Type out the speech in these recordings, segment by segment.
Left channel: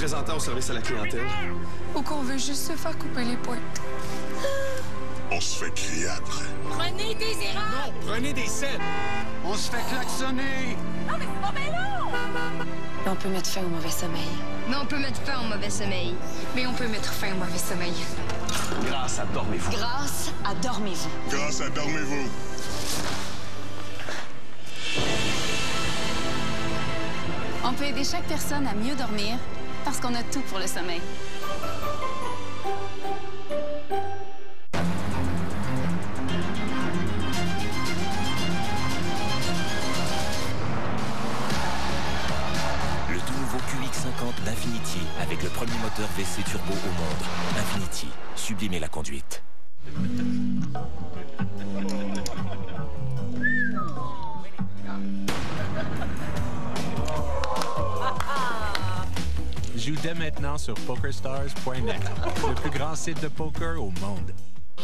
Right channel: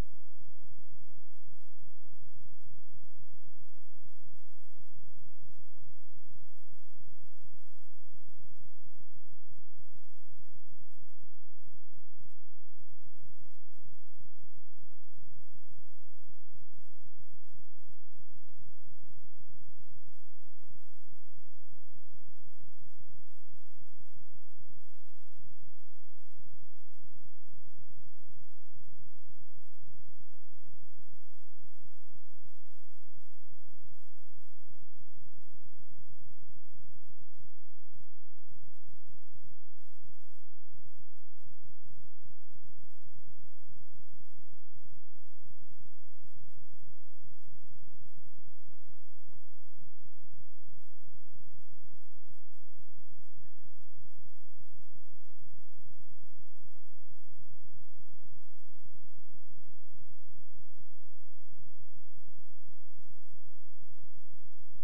représentant au service à la clientèle. Ou qu'on veut juste se faire couper les pointes. On se fait crier après. Prenez des erreurs! Non, prenez des scènes! On se fait klaxonner! Non, mais c'est pas bien long! On peut mettre fin au mauvais sommeil. Mais on peut mettre fin au mauvais sommeil. Mais on peut mettre fin au mauvais sommeil. Grâce à Dormez-vous. Grâce à Dormez-vous. Grâce à Dormez-vous. On peut aider chaque personne à mieux dormir parce qu'on a tout pour le sommeil. Le tout nouveau QX50 d'Infiniti avec le premier moteur WC turbo au monde. Infiniti, sublimez la conduite. Joue dès maintenant sur PokerStars.net, le plus grand site de poker au monde.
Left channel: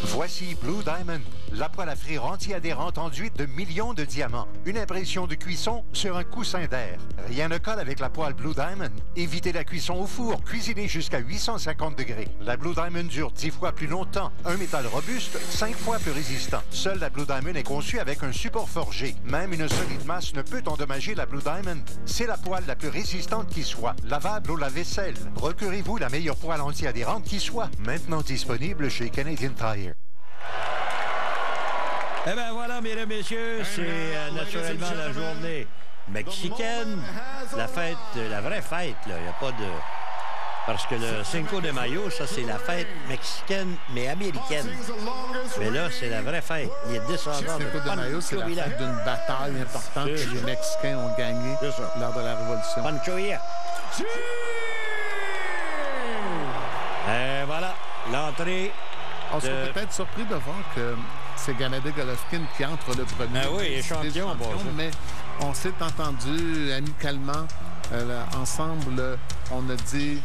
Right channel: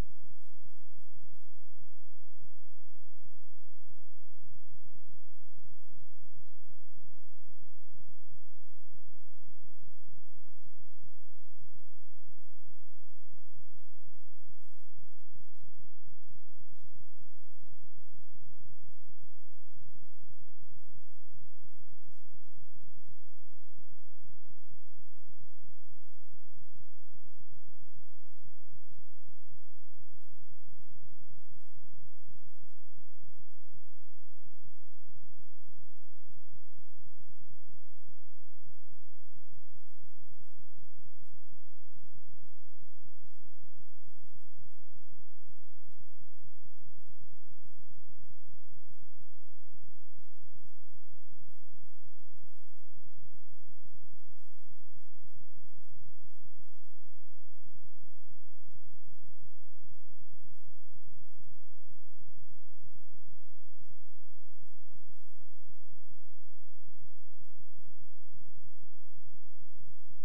Voici Blue Diamond, la poêle à frire anti-adhérente enduite de millions de diamants. Une impression de cuisson sur un coussin d'air. Rien ne colle avec la poêle Blue Diamond. Évitez la cuisson au four, cuisinez jusqu'à 850 degrés. La Blue Diamond dure 10 fois plus longtemps. Un métal robuste, 5 fois plus résistant. Seule la Blue Diamond est conçue avec un support forgé. Même une solide masse ne peut endommager la Blue Diamond. C'est la poêle la plus résistante qui soit. Lavable au lave-vaisselle. Procurez-vous la meilleure poêle anti-adhérente qui soit. Maintenant disponible chez Canadian Tire. Eh bien voilà, mesdames et messieurs, c'est naturellement la journée mexicaine. La fête, la vraie fête, là. Il n'y a pas de... Parce que le Cinco de Mayo, ça, c'est la fête mexicaine, mais américaine. Mais là, c'est la vraie fête. Les descendants de Cinco de Mayo, c'est la fête d'une bataille importante que les Mexicains ont gagnée lors de la Révolution. Panchoia. Et voilà, l'entrée. On serait peut-être surpris de voir que c'est Gennady Golovkin qui entre le premier. Ah oui, champion, mais on s'est entendu amicalement ensemble. On a dit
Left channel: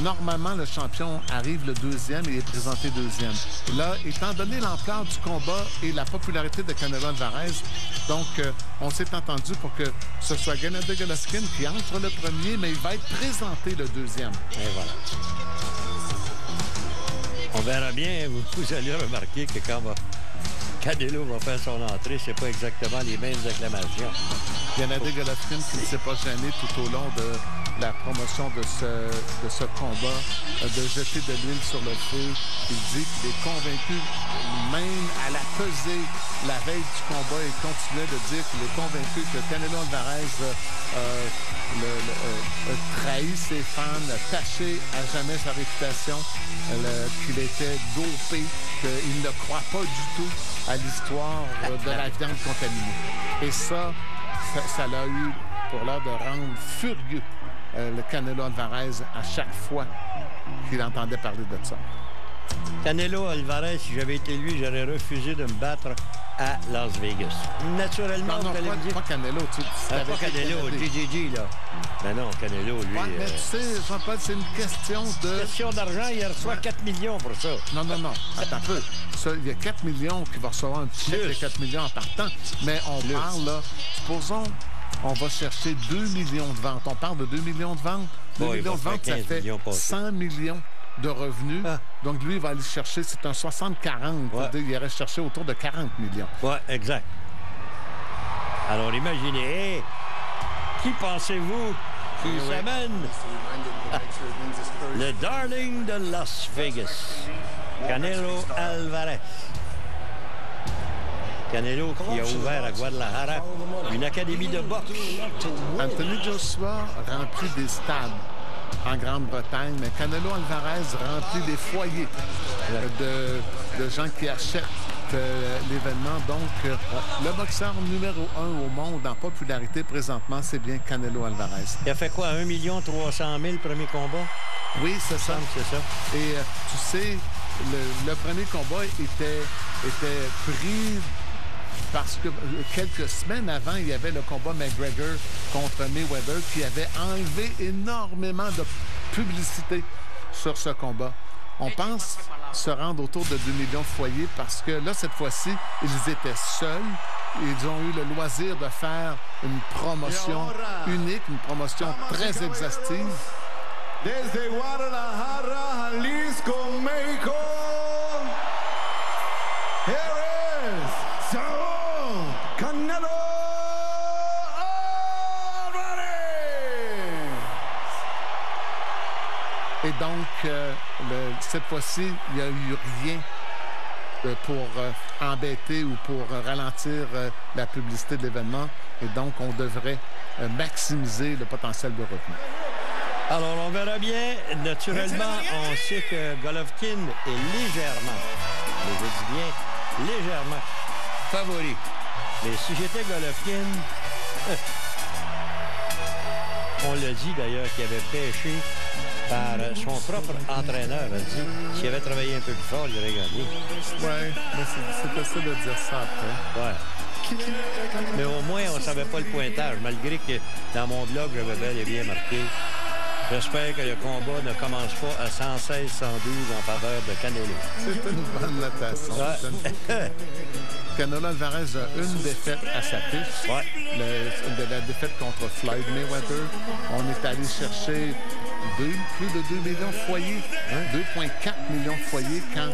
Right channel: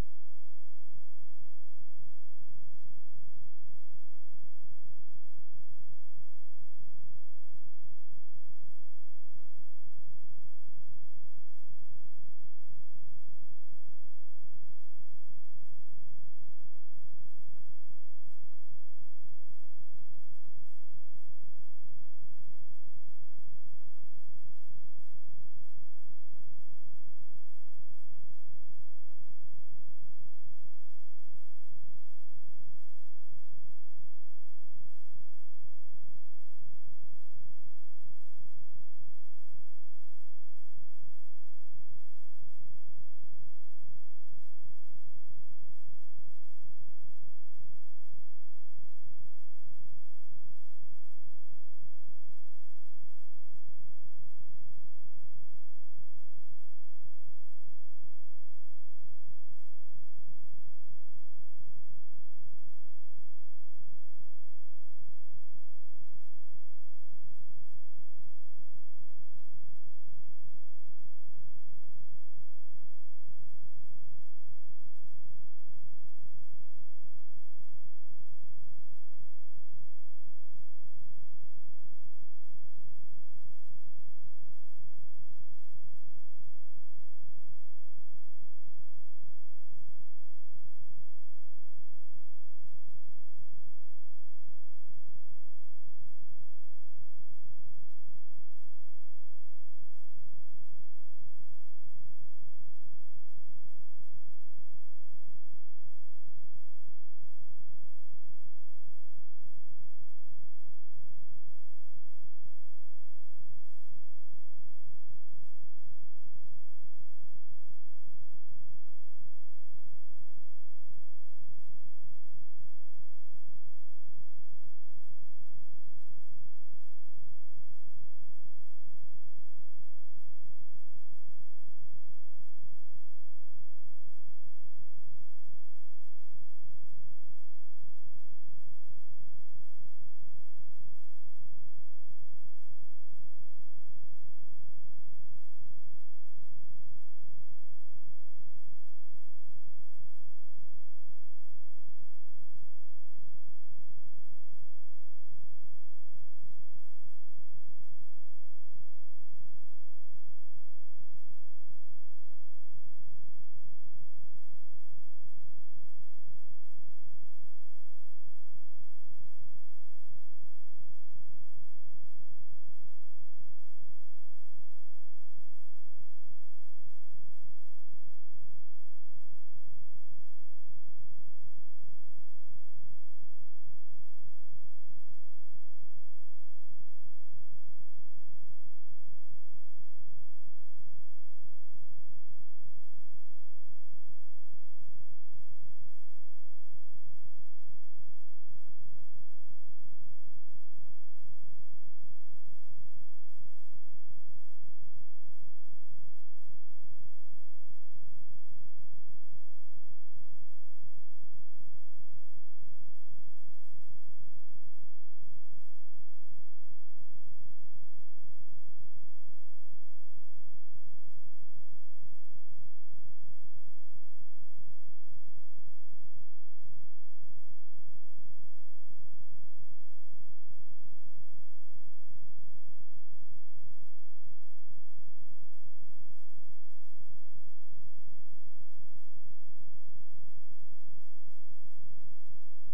normalement le champion arrive le deuxième et est présenté deuxième. Là, étant donné l'ampleur du combat et la popularité de Canelo Alvarez, donc on s'est entendu pour que ce soit Gennady Golovkin qui entre le premier, mais il va être présenté le deuxième. Et voilà. On verra bien, vous allez remarquer que quand Canelo va faire son entrée, c'est pas exactement les mêmes acclamations. Gennady Golovkin qui ne s'est pas gêné tout au long de la promotion de ce combat, de jeter de l'huile sur le feu. Il dit qu'il est convaincu, même à la pesée, la veille du combat, il continuait de dire qu'il est convaincu que Canelo Alvarez trahi ses fans, taché à jamais sa réputation, qu'il était dopé, qu'il ne croit pas du tout à l'histoire de la viande contaminée. Et ça l'a eu pour l'heure de rendre furieux le Canelo Alvarez à chaque fois qu'il entendait parler de ça. Canelo Alvarez, si j'avais été lui, j'aurais refusé de me battre à Las Vegas. Naturellement, non, pas Canelo. Pas Canelo, GGG, là. Mais non, Canelo, lui... Ouais, mais tu sais, Jean-Paul, c'est une question de... Question d'argent, il reçoit 4 millions pour ça. Non. Attends un peu. Ça, il y a 4 millions qui va recevoir un petit chèque de 4 millions en partant. Mais on parle, là, supposons, on va chercher 2 millions de ventes. On parle de 2 millions de ventes. 2 millions de ventes, ça fait 100 millions de revenus. Donc, lui, il va aller chercher, c'est un 60-40. Ouais. Il irait chercher autour de 40 millions. Oui, exact. Alors, imaginez, qui pensez-vous qui s'amène le darling de Las Vegas, Canelo Alvarez. Canelo qui a ouvert à Guadalajara une académie de boxe. Anthony Joshua remplit des stades en Grande-Bretagne, mais Canelo Alvarez remplit des foyers de gens qui achètent l'événement. Donc, le boxeur numéro 1 au monde en popularité présentement, c'est bien Canelo Alvarez. Il a fait quoi, 1 300 000 premier combat? Oui, c'est ça. C'est ça. Et tu sais, le premier combat était pris parce que quelques semaines avant, il y avait le combat McGregor contre Mayweather qui avait enlevé énormément de publicité sur ce combat. On pense se rendre autour de 2 millions de foyers parce que là, cette fois-ci, ils étaient seuls. Ils ont eu le loisir de faire une promotion unique, une promotion très exhaustive. desde Guadalajara, Jalisco, México. Here is Saúl Canelo Álvarez. Et donc, cette fois-ci, il n'y a eu rien pour embêter ou pour ralentir la publicité de l'événement. Et donc, on devrait maximiser le potentiel de revenus. Alors, on verra bien. Naturellement, on sait que Golovkin est légèrement, mais je dis bien légèrement, favori. Mais si j'étais Golovkin, on l'a dit d'ailleurs qu'il avait pêché par son propre entraîneur. A dit s'il avait travaillé un peu plus fort, il aurait gagné. Oui, mais c'est facile de dire ça après. Ouais. Mais au moins, on ne savait pas le pointage, malgré que dans mon blog, j'avais bel et bien marqué. J'espère que le combat ne commence pas à 116-112 en faveur de Canelo. C'est une bonne notation. Ouais. Canelo Álvarez a une défaite à sa fiche. Ouais. La défaite contre Floyd Mayweather. On est allé chercher plus de 2 millions de foyers, 2,4 millions de foyers quand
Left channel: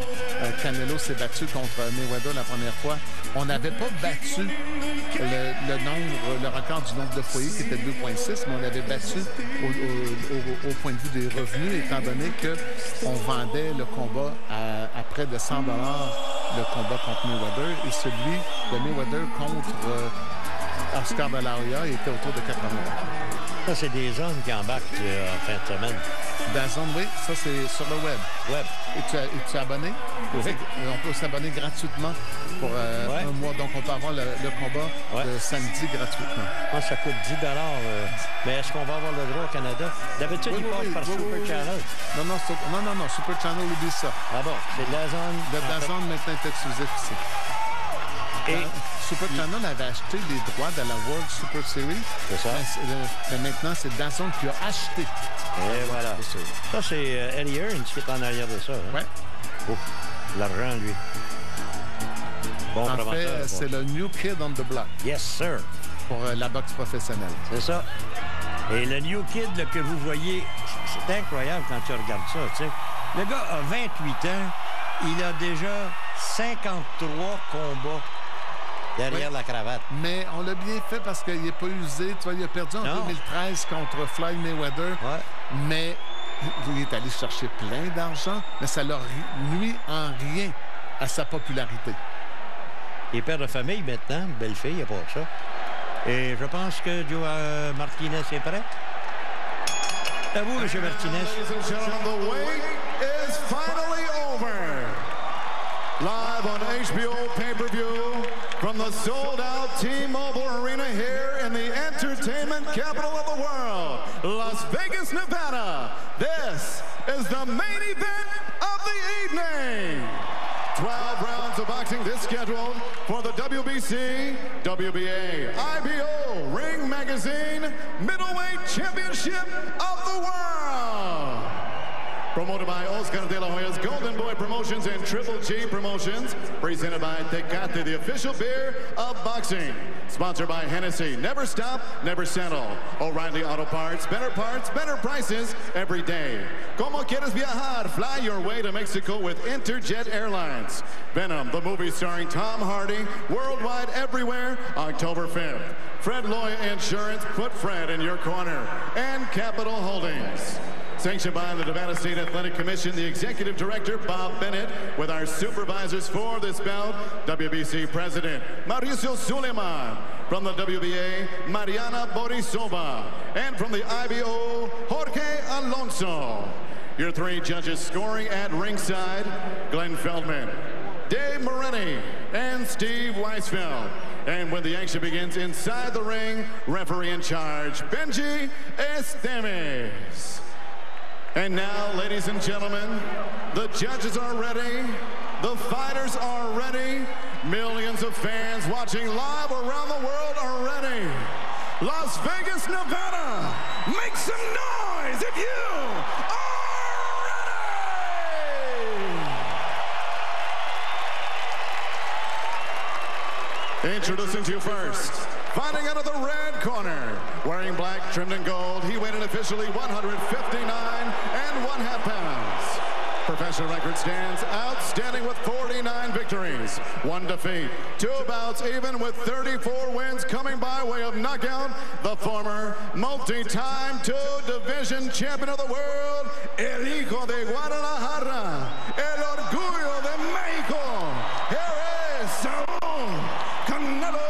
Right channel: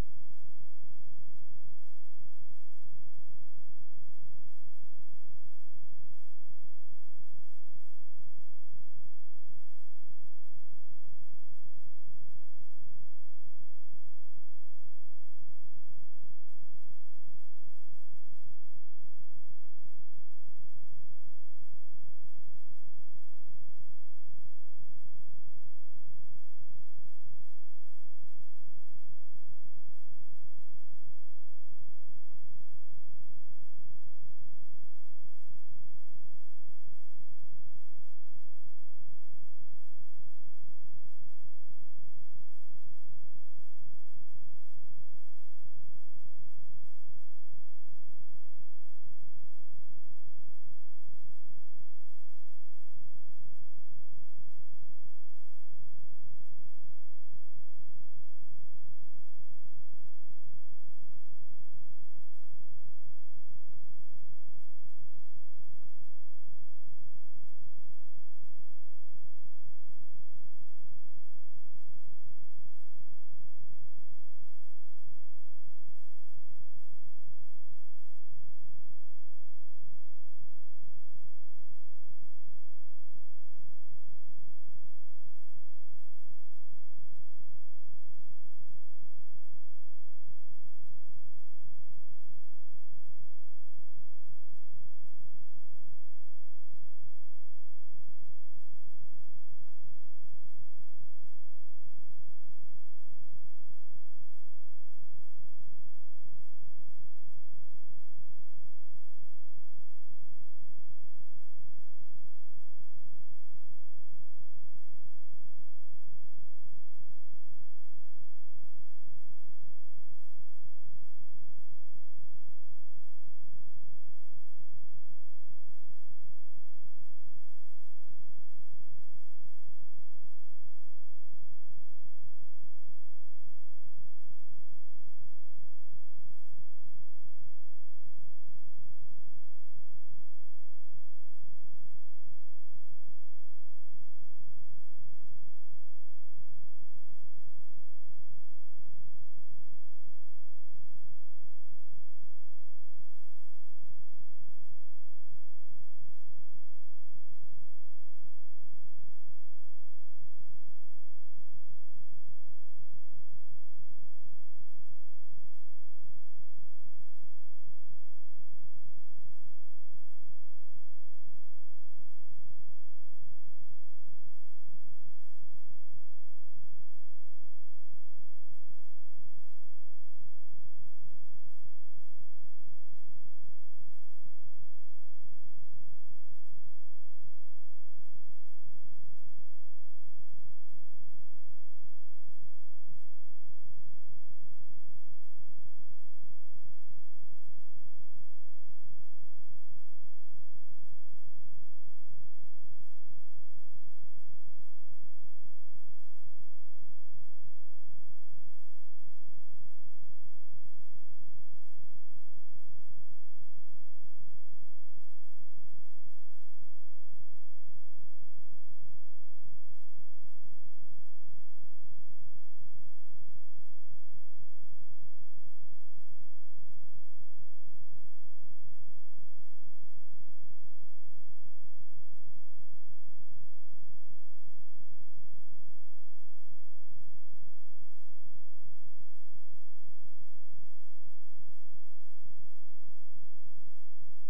Canelo s'est battu contre Mayweather la première fois. On n'avait pas battu le record du nombre de foyers qui était 2,6, mais on l'avait battu au point de vue des revenus, étant donné qu'on vendait le combat à près de 100 $, le combat contre Mayweather, et celui de Mayweather contre Oscar de la Hoya était autour de 80 $. Ça, c'est des zones qui embarquent en fin de semaine. DAZN, oui, ça c'est sur le web. Es-tu abonné? Oui. On peut s'abonner gratuitement pour un mois. Donc, on peut avoir le combat de samedi gratuitement. Moi, ça coûte 10 $. Mais est-ce qu'on va avoir le droit au Canada? D'habitude, il passe par Super Channel. Non, Super Channel, oublie ça. Ah bon? C'est DAZN. Le DAZN maintenant est exclusif ici. Et Super Channel avait acheté les droits de la World Super Series. C'est ça. Mais maintenant, c'est DAZN qui a acheté. Et voilà. Ça, c'est Eddie Hearns qui est en arrière de ça. Hein? Oui. Oh, l'argent, lui. Bon en fait, c'est le New Kid on the Block. Yes, sir. Pour la boxe professionnelle. C'est ça. Et le New Kid là, que vous voyez, c'est incroyable quand tu regardes ça. Tu sais. Le gars a 28 ans. Il a déjà 53 combats derrière la cravate. Mais on l'a bien fait parce qu'il n'est pas usé. Tu vois, il a perdu en 2013 contre Floyd Mayweather. Ouais. Mais il est allé chercher plein d'argent, mais ça leur nuit en rien à sa popularité. Il est père de famille maintenant, une belle fille, il n'y a pas ça. Et je pense que Joe Martinez est prêt. À vous, M. Martinez. Ladies and gentlemen, the wait is finally over. Live on HBO pay-per-view from the sold-out T-Mobile Arena here in the entertainment capital of the world, Las Vegas, Nevada. This is the main event of the evening. 12 rounds of boxing this scheduled for the WBC, WBA, IBO, Ring Magazine, Middleweight Championship of the World. Promoted by Oscar de la Hoya's Golden Boy Promotions and Triple G Promotions. Presented by Tecate, the official beer of boxing. Sponsored by Hennessy. Never stop, never settle. O'Reilly Auto Parts, better prices every day. Como quieres viajar? Fly your way to Mexico with Interjet Airlines. Venom, the movie starring Tom Hardy, worldwide everywhere, October 5th. Fred Loya Insurance, put Fred in your corner. And Capital Holdings. Sanctioned by the Nevada State Athletic Commission, the Executive Director, Bob Bennett, with our supervisors for this bout, WBC President Mauricio Suleiman, from the WBA, Mariana Borisova, and from the IBO, Jorge Alonso. Your three judges scoring at ringside, Glenn Feldman, Dave Moretti, and Steve Weisfeld. And when the action begins inside the ring, referee in charge, Benji Esteves. And now, ladies and gentlemen, the judges are ready, the fighters are ready, millions of fans watching live around the world are ready. Las Vegas, Nevada, make some noise if you are ready! Introducing to you first, fighting out of the red corner, wearing black trimmed in gold, he weighed in officially 159 Professional record stands outstanding with 49 victories, 1 defeat, 2 bouts even with 34 wins coming by way of knockout. The former multi-time 2-division champion of the world, El Hijo de Guadalajara, El Orgullo de México. Here is Saúl Canelo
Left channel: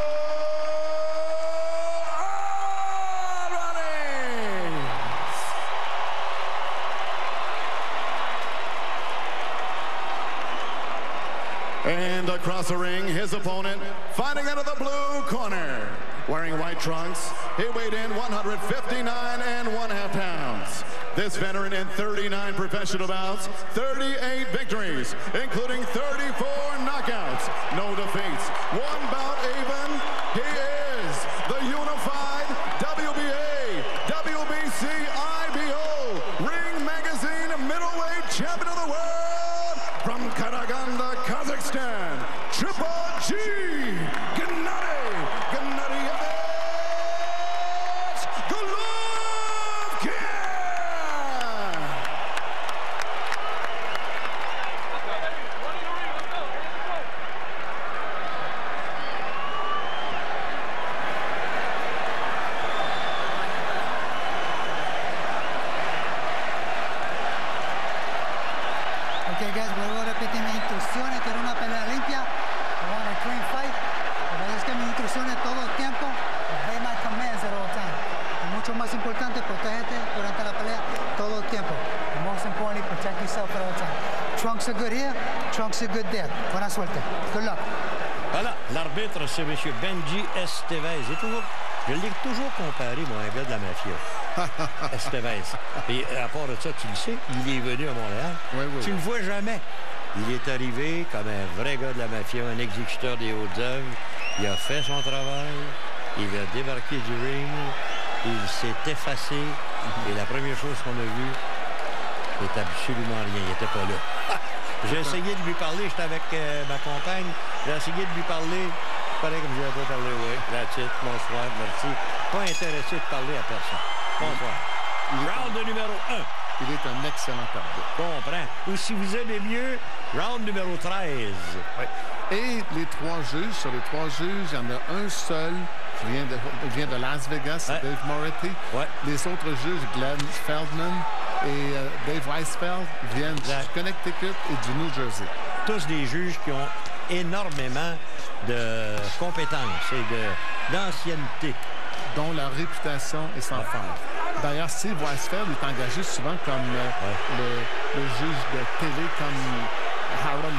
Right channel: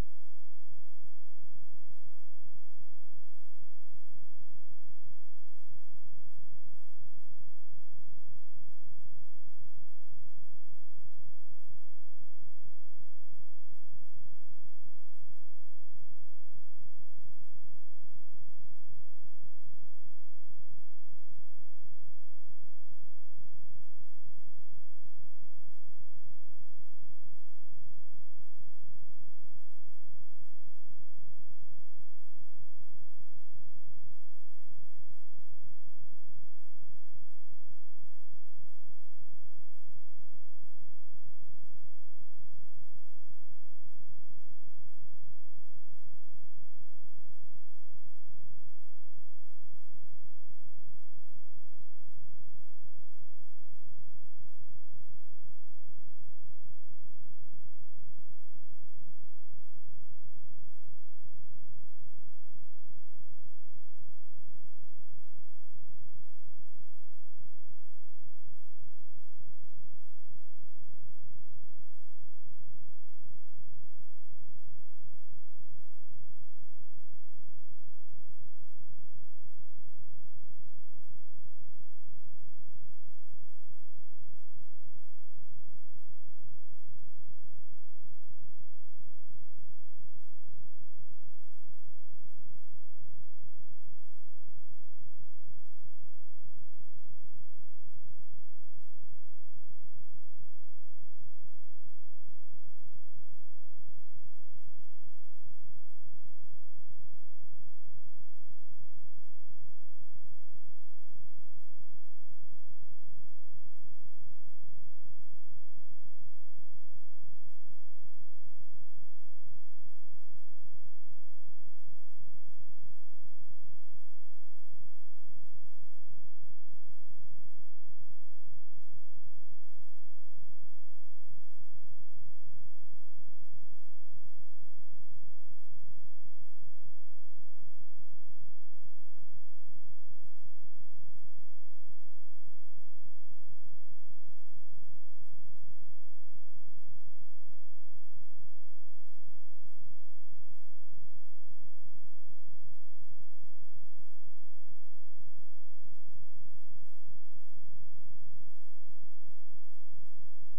And across the ring, his opponent, fighting out of the blue corner. Wearing white trunks, he weighed in 159 1/2 pounds. This veteran in 39 professional bouts, 38 victories, including 34 knockouts, no defeats, 1 bout even. He is the unified WBA, WBC, IBO, Ring Magazine middleweight champion of the world from Karaganda, Kazakhstan, Triple G, Gennady Gennadiyevich Golovkin! Ok, guys, vuelvo a repetir mis instrucciones. Quiero una pelea limpia. I want a clean fight. Pero que mis instrucciones todo el tiempo. Obey my commands at all time. Y mucho más importante, protégete durante la pelea todo el tiempo. And most importantly, protect yourself at all time. Trunks are good here. Trunks are good there. Buena suerte. Good luck. Voilà, l'arbitre, c'est M. Benji Estevez. Je l'ai toujours comparé, moi, à un gars de la mafia. Estevez. Et à part de ça, tu le sais, il est venu à Montréal. Oui, oui. Tu ne le vois jamais. Il est arrivé comme un vrai gars de la mafia, un exécuteur des hautes œuvres. Il a fait son travail. Il a débarqué du ring. Il s'est effacé. Et la première chose qu'on a vue, c'est absolument rien. Il n'était pas là. J'ai essayé de lui parler. J'étais avec ma compagne. J'ai essayé de lui parler. Pareil comme je n'avais pas parlé. Oui, that's it. Bonsoir, merci. Pas intéressé de parler à personne. Bonsoir. Round numéro 1. Il est un excellent perdant. Comprends. Ou si vous aimez mieux, round numéro 13. Oui. Et les 3 juges, sur les 3 juges, il y en a un seul qui vient de Las Vegas, ouais. Dave Moretti. Ouais. Les autres juges, Glenn Feldman et Dave Weisfeld, viennent du Connecticut et du New Jersey. Tous des juges qui ont énormément de compétences et d'ancienneté. Dont la réputation est sans faille. D'ailleurs, Steve Weisfeld est engagé souvent comme le juge de télé, comme Harold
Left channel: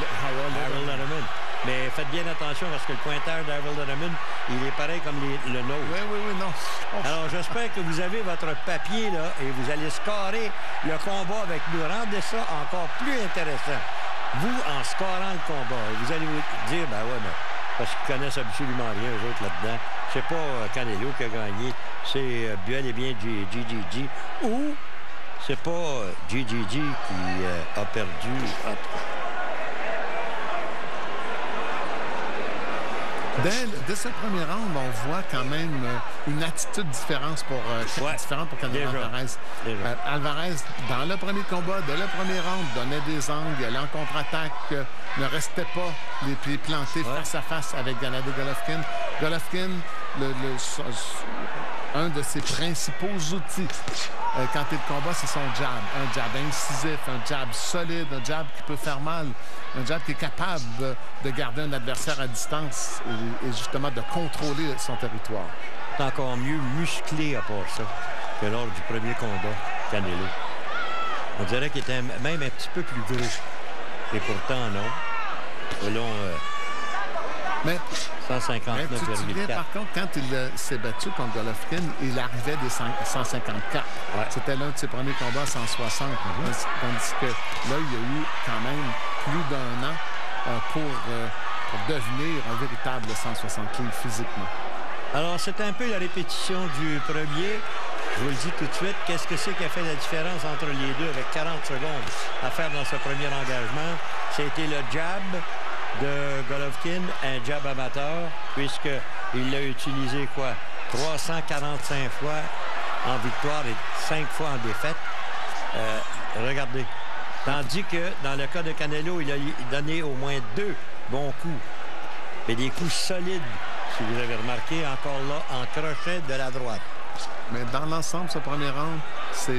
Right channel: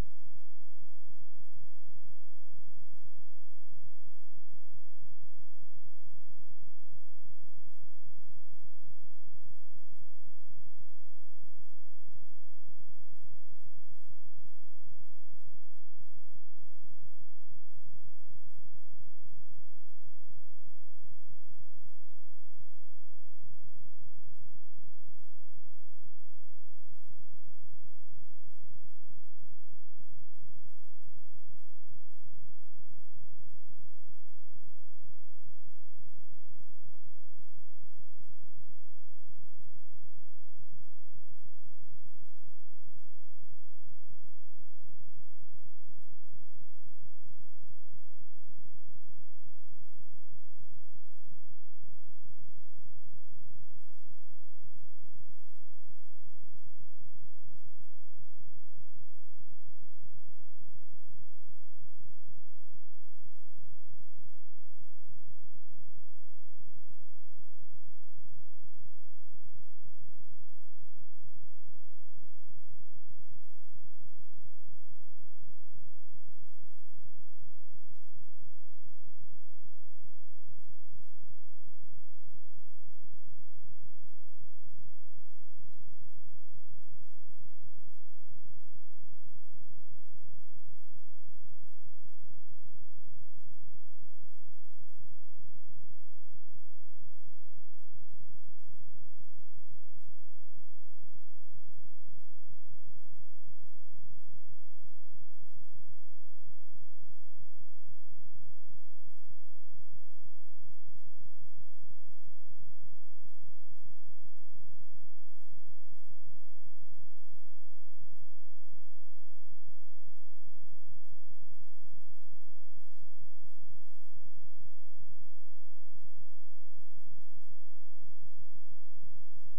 Letterman. Mais faites bien attention parce que le pointeur d'Harold Letterman, il est pareil comme le nôtre. Oui, non. Alors, j'espère que vous avez votre papier là et vous allez scorer le combat avec nous. Rendez ça encore plus intéressant. Vous, en scorant le combat, vous allez vous dire, ben ouais, mais parce qu'ils connaissent absolument rien, eux autres, là-dedans. C'est pas Canelo qui a gagné, c'est bel et bien GGG. Ou c'est pas GGG qui a perdu. Dès ce premier round, on voit quand même une attitude différente pour Canelo Alvarez. Alvarez, dans le premier combat, dès le premier round, donnait des angles, allait en contre-attaque, ne restait pas les pieds plantés face à face avec Gennady Golovkin. Golovkin, un de ses principaux outils quand il combat, c'est son jab. Un jab incisif, un jab solide, un jab qui peut faire mal, un jab qui est capable de garder un adversaire à distance et justement de contrôler son territoire. C'est encore mieux musclé à part ça que lors du premier combat, Canelo. On dirait qu'il était même un petit peu plus gros. Et pourtant, non. Selon mais 159,4. Tu te souviens, par contre, quand il s'est battu contre Golovkin, il arrivait des 154. Ouais. C'était l'un de ses premiers combats à 160. Tandis que là, il y a eu quand même plus d'1 an pour devenir un véritable 160 livres physiquement. Alors, c'est un peu la répétition du premier. Je vous le dis tout de suite, qu'est-ce que c'est qui a fait la différence entre les deux avec 40 secondes à faire dans ce premier engagement? C'était le jab de Golovkin, un jab amateur, puisqu'il l'a utilisé, 345 fois en victoire et 5 fois en défaite. Regardez. Tandis que, dans le cas de Canelo, il a donné au moins 2 bons coups. Mais des coups solides, si vous avez remarqué, encore là, en crochet de la droite. Mais dans l'ensemble, ce premier round, c'est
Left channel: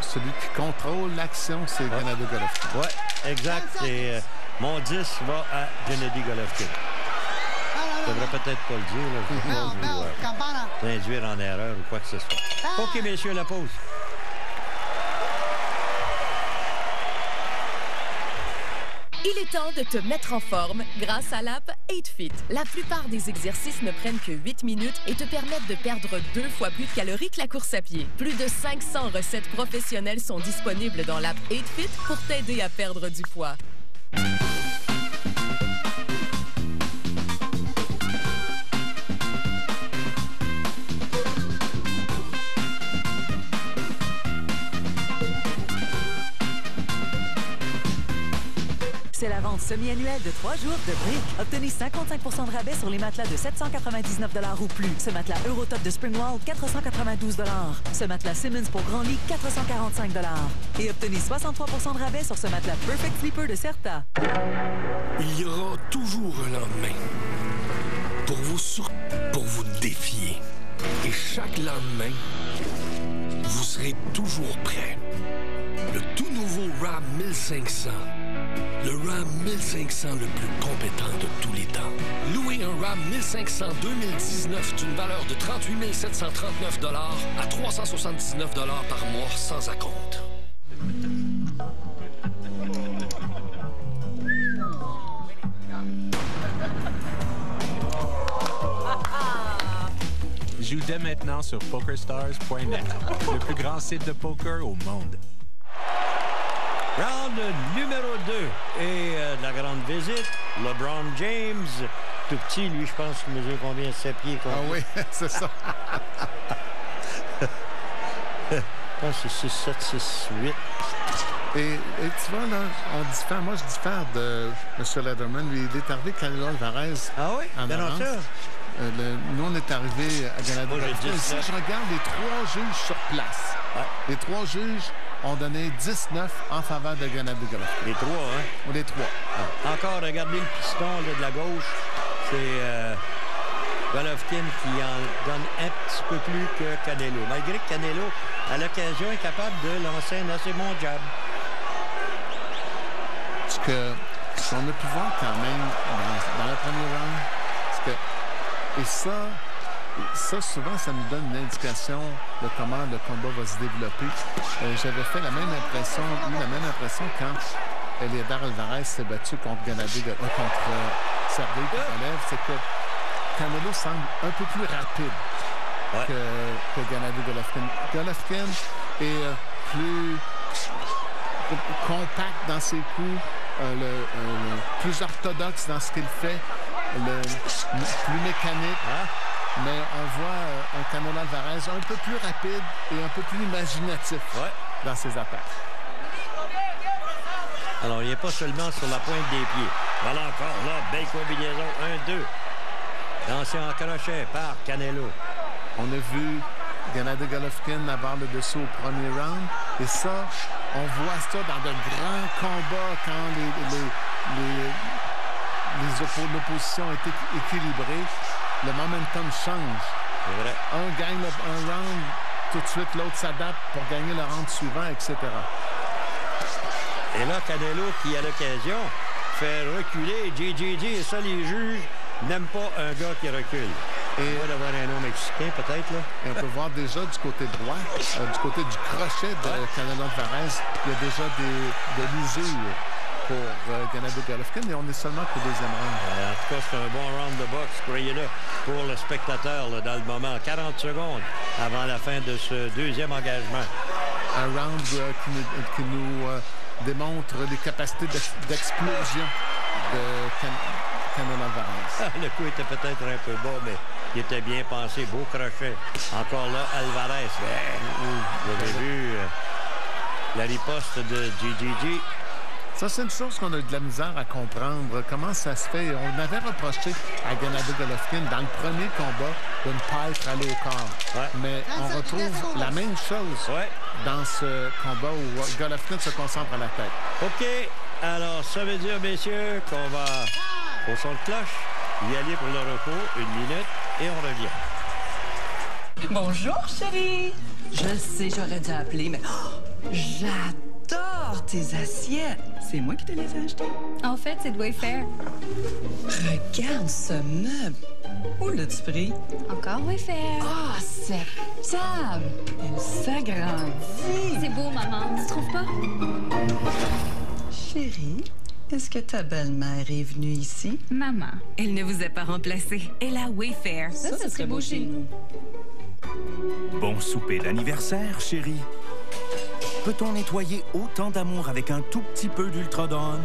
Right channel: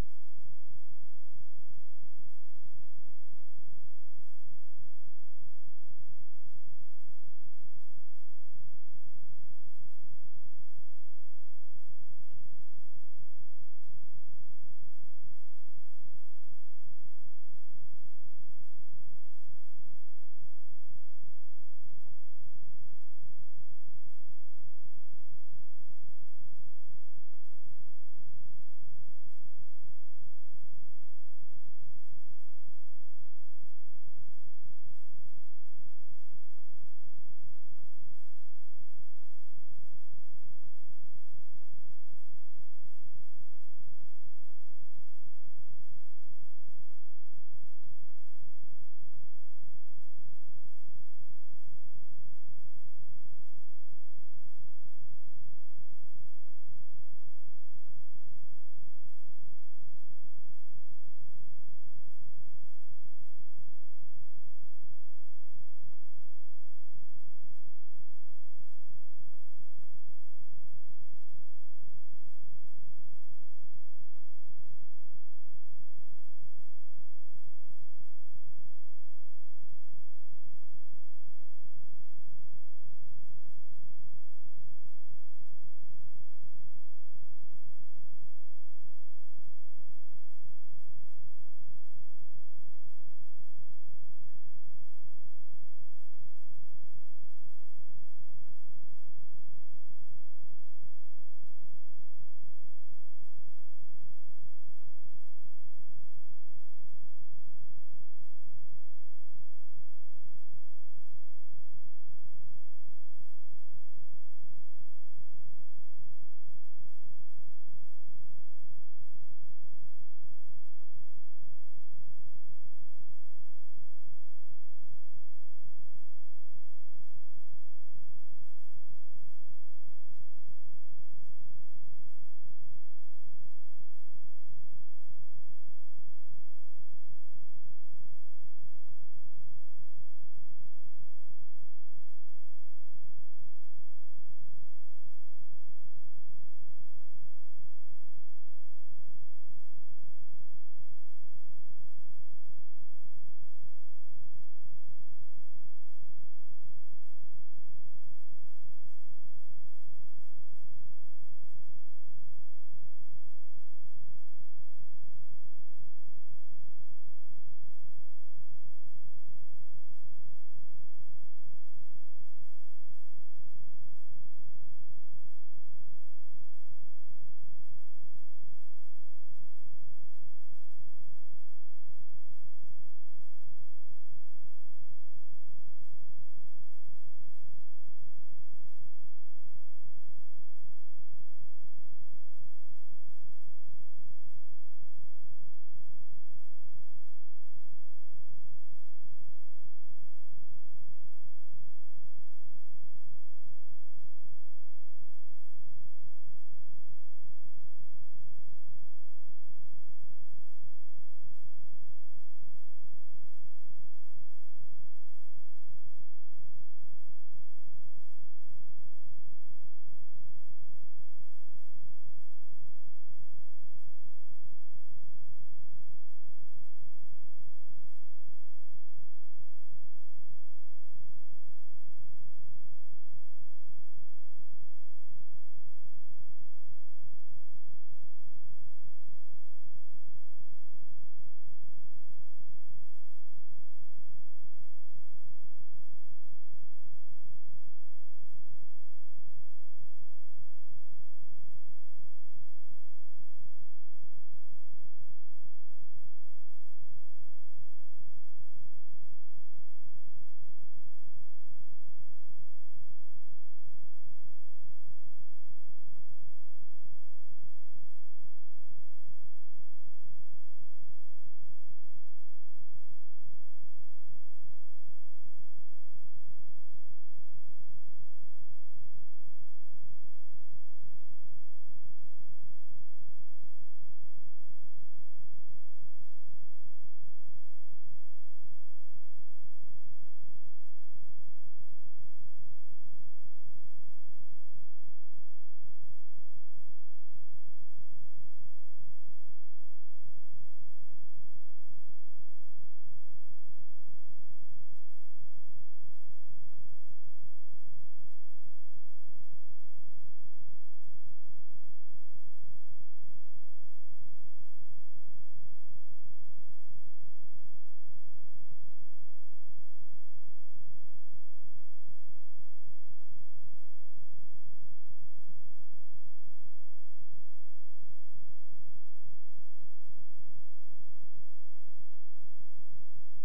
celui qui contrôle l'action, c'est Gennady Golovkin. Oui, exact. Et mon 10 va à Gennady Golovkin. Je devrais peut-être pas le dire. L'induire en erreur ou quoi que ce soit. OK, messieurs, la pause. Il est temps de te mettre en forme grâce à l'app 8Fit. La plupart des exercices ne prennent que 8 minutes et te permettent de perdre 2 fois plus de calories que la course à pied. Plus de 500 recettes professionnelles sont disponibles dans l'app 8Fit pour t'aider à perdre du poids. C'est la vente semi-annuelle de 3 jours de Brick. Obtenez 55% de rabais sur les matelas de 799 $ ou plus. Ce matelas Eurotop de Springwall, 492 $. Ce matelas Simmons pour grand lit, 445 $. Et obtenez 63% de rabais sur ce matelas Perfect Sleeper de Certa. Il y aura toujours un lendemain. Pour vous défier. Et chaque lendemain, vous serez toujours prêt. Le tout nouveau Ram 1500. Le Ram 1500 le plus compétent de tous les temps. Louez un Ram 1500 2019 d'une valeur de 38 739 $ à 379 $ par mois sans acompte. Joue dès maintenant sur PokerStars.net, le plus grand site de poker au monde. Round numéro 2 et de la grande visite, LeBron James, tout petit, lui, je pense qu'il mesure combien? 7 pieds? Combien? Ah oui, c'est ça. Je pense que c'est 6, 7, 6, 8. Et tu vois, là, moi, je diffère de M. Lederman. Lui, il est arrivé Canelo Alvarez. Ah oui? En avance. Nous, on est arrivé à Gennady Golovkin. Si je regarde les 3 juges sur place, les 3 juges ont donné 19 en faveur de Gennady Golovkin. Les 3, hein? Les 3. Encore, regardez le piston là, de la gauche. C'est Golovkin qui en donne un petit peu plus que Canelo. Malgré que Canelo, à l'occasion, est capable de lancer un assez bon jab. Ce qu'on a pu voir quand même dans le premier round, c'est que... Et ça, souvent, ça nous donne une indication de comment le combat va se développer. J'avais fait la même impression quand Eleider Alvarez s'est battu contre Sergey Kovalev. C'est que Canelo semble un peu plus rapide que Gennady Golovkin. Golovkin est plus compact dans ses coups, plus orthodoxe dans ce qu'il fait. Plus mécanique, mais on voit un Canelo Alvarez un peu plus rapide et un peu plus imaginatif dans ses attaques. Alors, il n'est pas seulement sur la pointe des pieds. Voilà encore, là, belle combinaison, 1-2. Lancé en crochet par Canelo. On a vu Gennady Golovkin avoir le dessus au premier round. Et ça, on voit ça dans de grands combats quand l'opposition est équilibrée, le momentum change. Un gagne un round, tout de suite l'autre s'adapte pour gagner le round suivant, etc. Et là, Canelo, qui à l'occasion fait reculer JJJ, et ça, les juges n'aiment pas un gars qui recule. Et on va d'avoir un nom mexicain, peut-être, là. Et on peut voir déjà du côté droit, du côté du crochet de Canelo Alvarez, il y a déjà de l'usure pour Gennady Golovkin, et on est seulement qu'au deuxième round. En tout cas, c'est un bon round de boxe, croyez-le, pour le spectateur là, dans le moment. 40 secondes avant la fin de ce deuxième engagement. Un round qui nous démontre les capacités d'explosion de Canelo Alvarez. Le coup était peut-être un peu bas, mais il était bien pensé. Beau crochet. Encore là, Alvarez. Vous avez vu la riposte de JJJ. Ça, c'est une chose qu'on a de la misère à comprendre. Comment ça se fait? On avait reproché à Gennady Golovkin dans le premier combat d'une pipe aller au corps. Ouais. Mais on retrouve la même chose dans ce combat où Golovkin se concentre à la tête. OK. Alors, ça veut dire, messieurs, qu'on va au son de cloche, y aller pour le repos, 1 minute, et on revient. Bonjour, chérie. Je sais, j'aurais dû appeler, mais j'adore tes assiettes. C'est moi qui te les ai achetées. En fait, c'est de Wayfair. Regarde ce meuble. Où l'as-tu pris? Encore Wayfair. Ah, cette table. Elle s'agrandit. C'est beau, maman. Tu trouves pas? Chérie, est-ce que ta belle-mère est venue ici? Maman, elle ne vous a pas remplacé. Elle a Wayfair. Ça serait beau chez nous. Bon souper d'anniversaire, chérie. Peut-on nettoyer autant d'amour avec un tout petit peu d'Ultra-Dawn?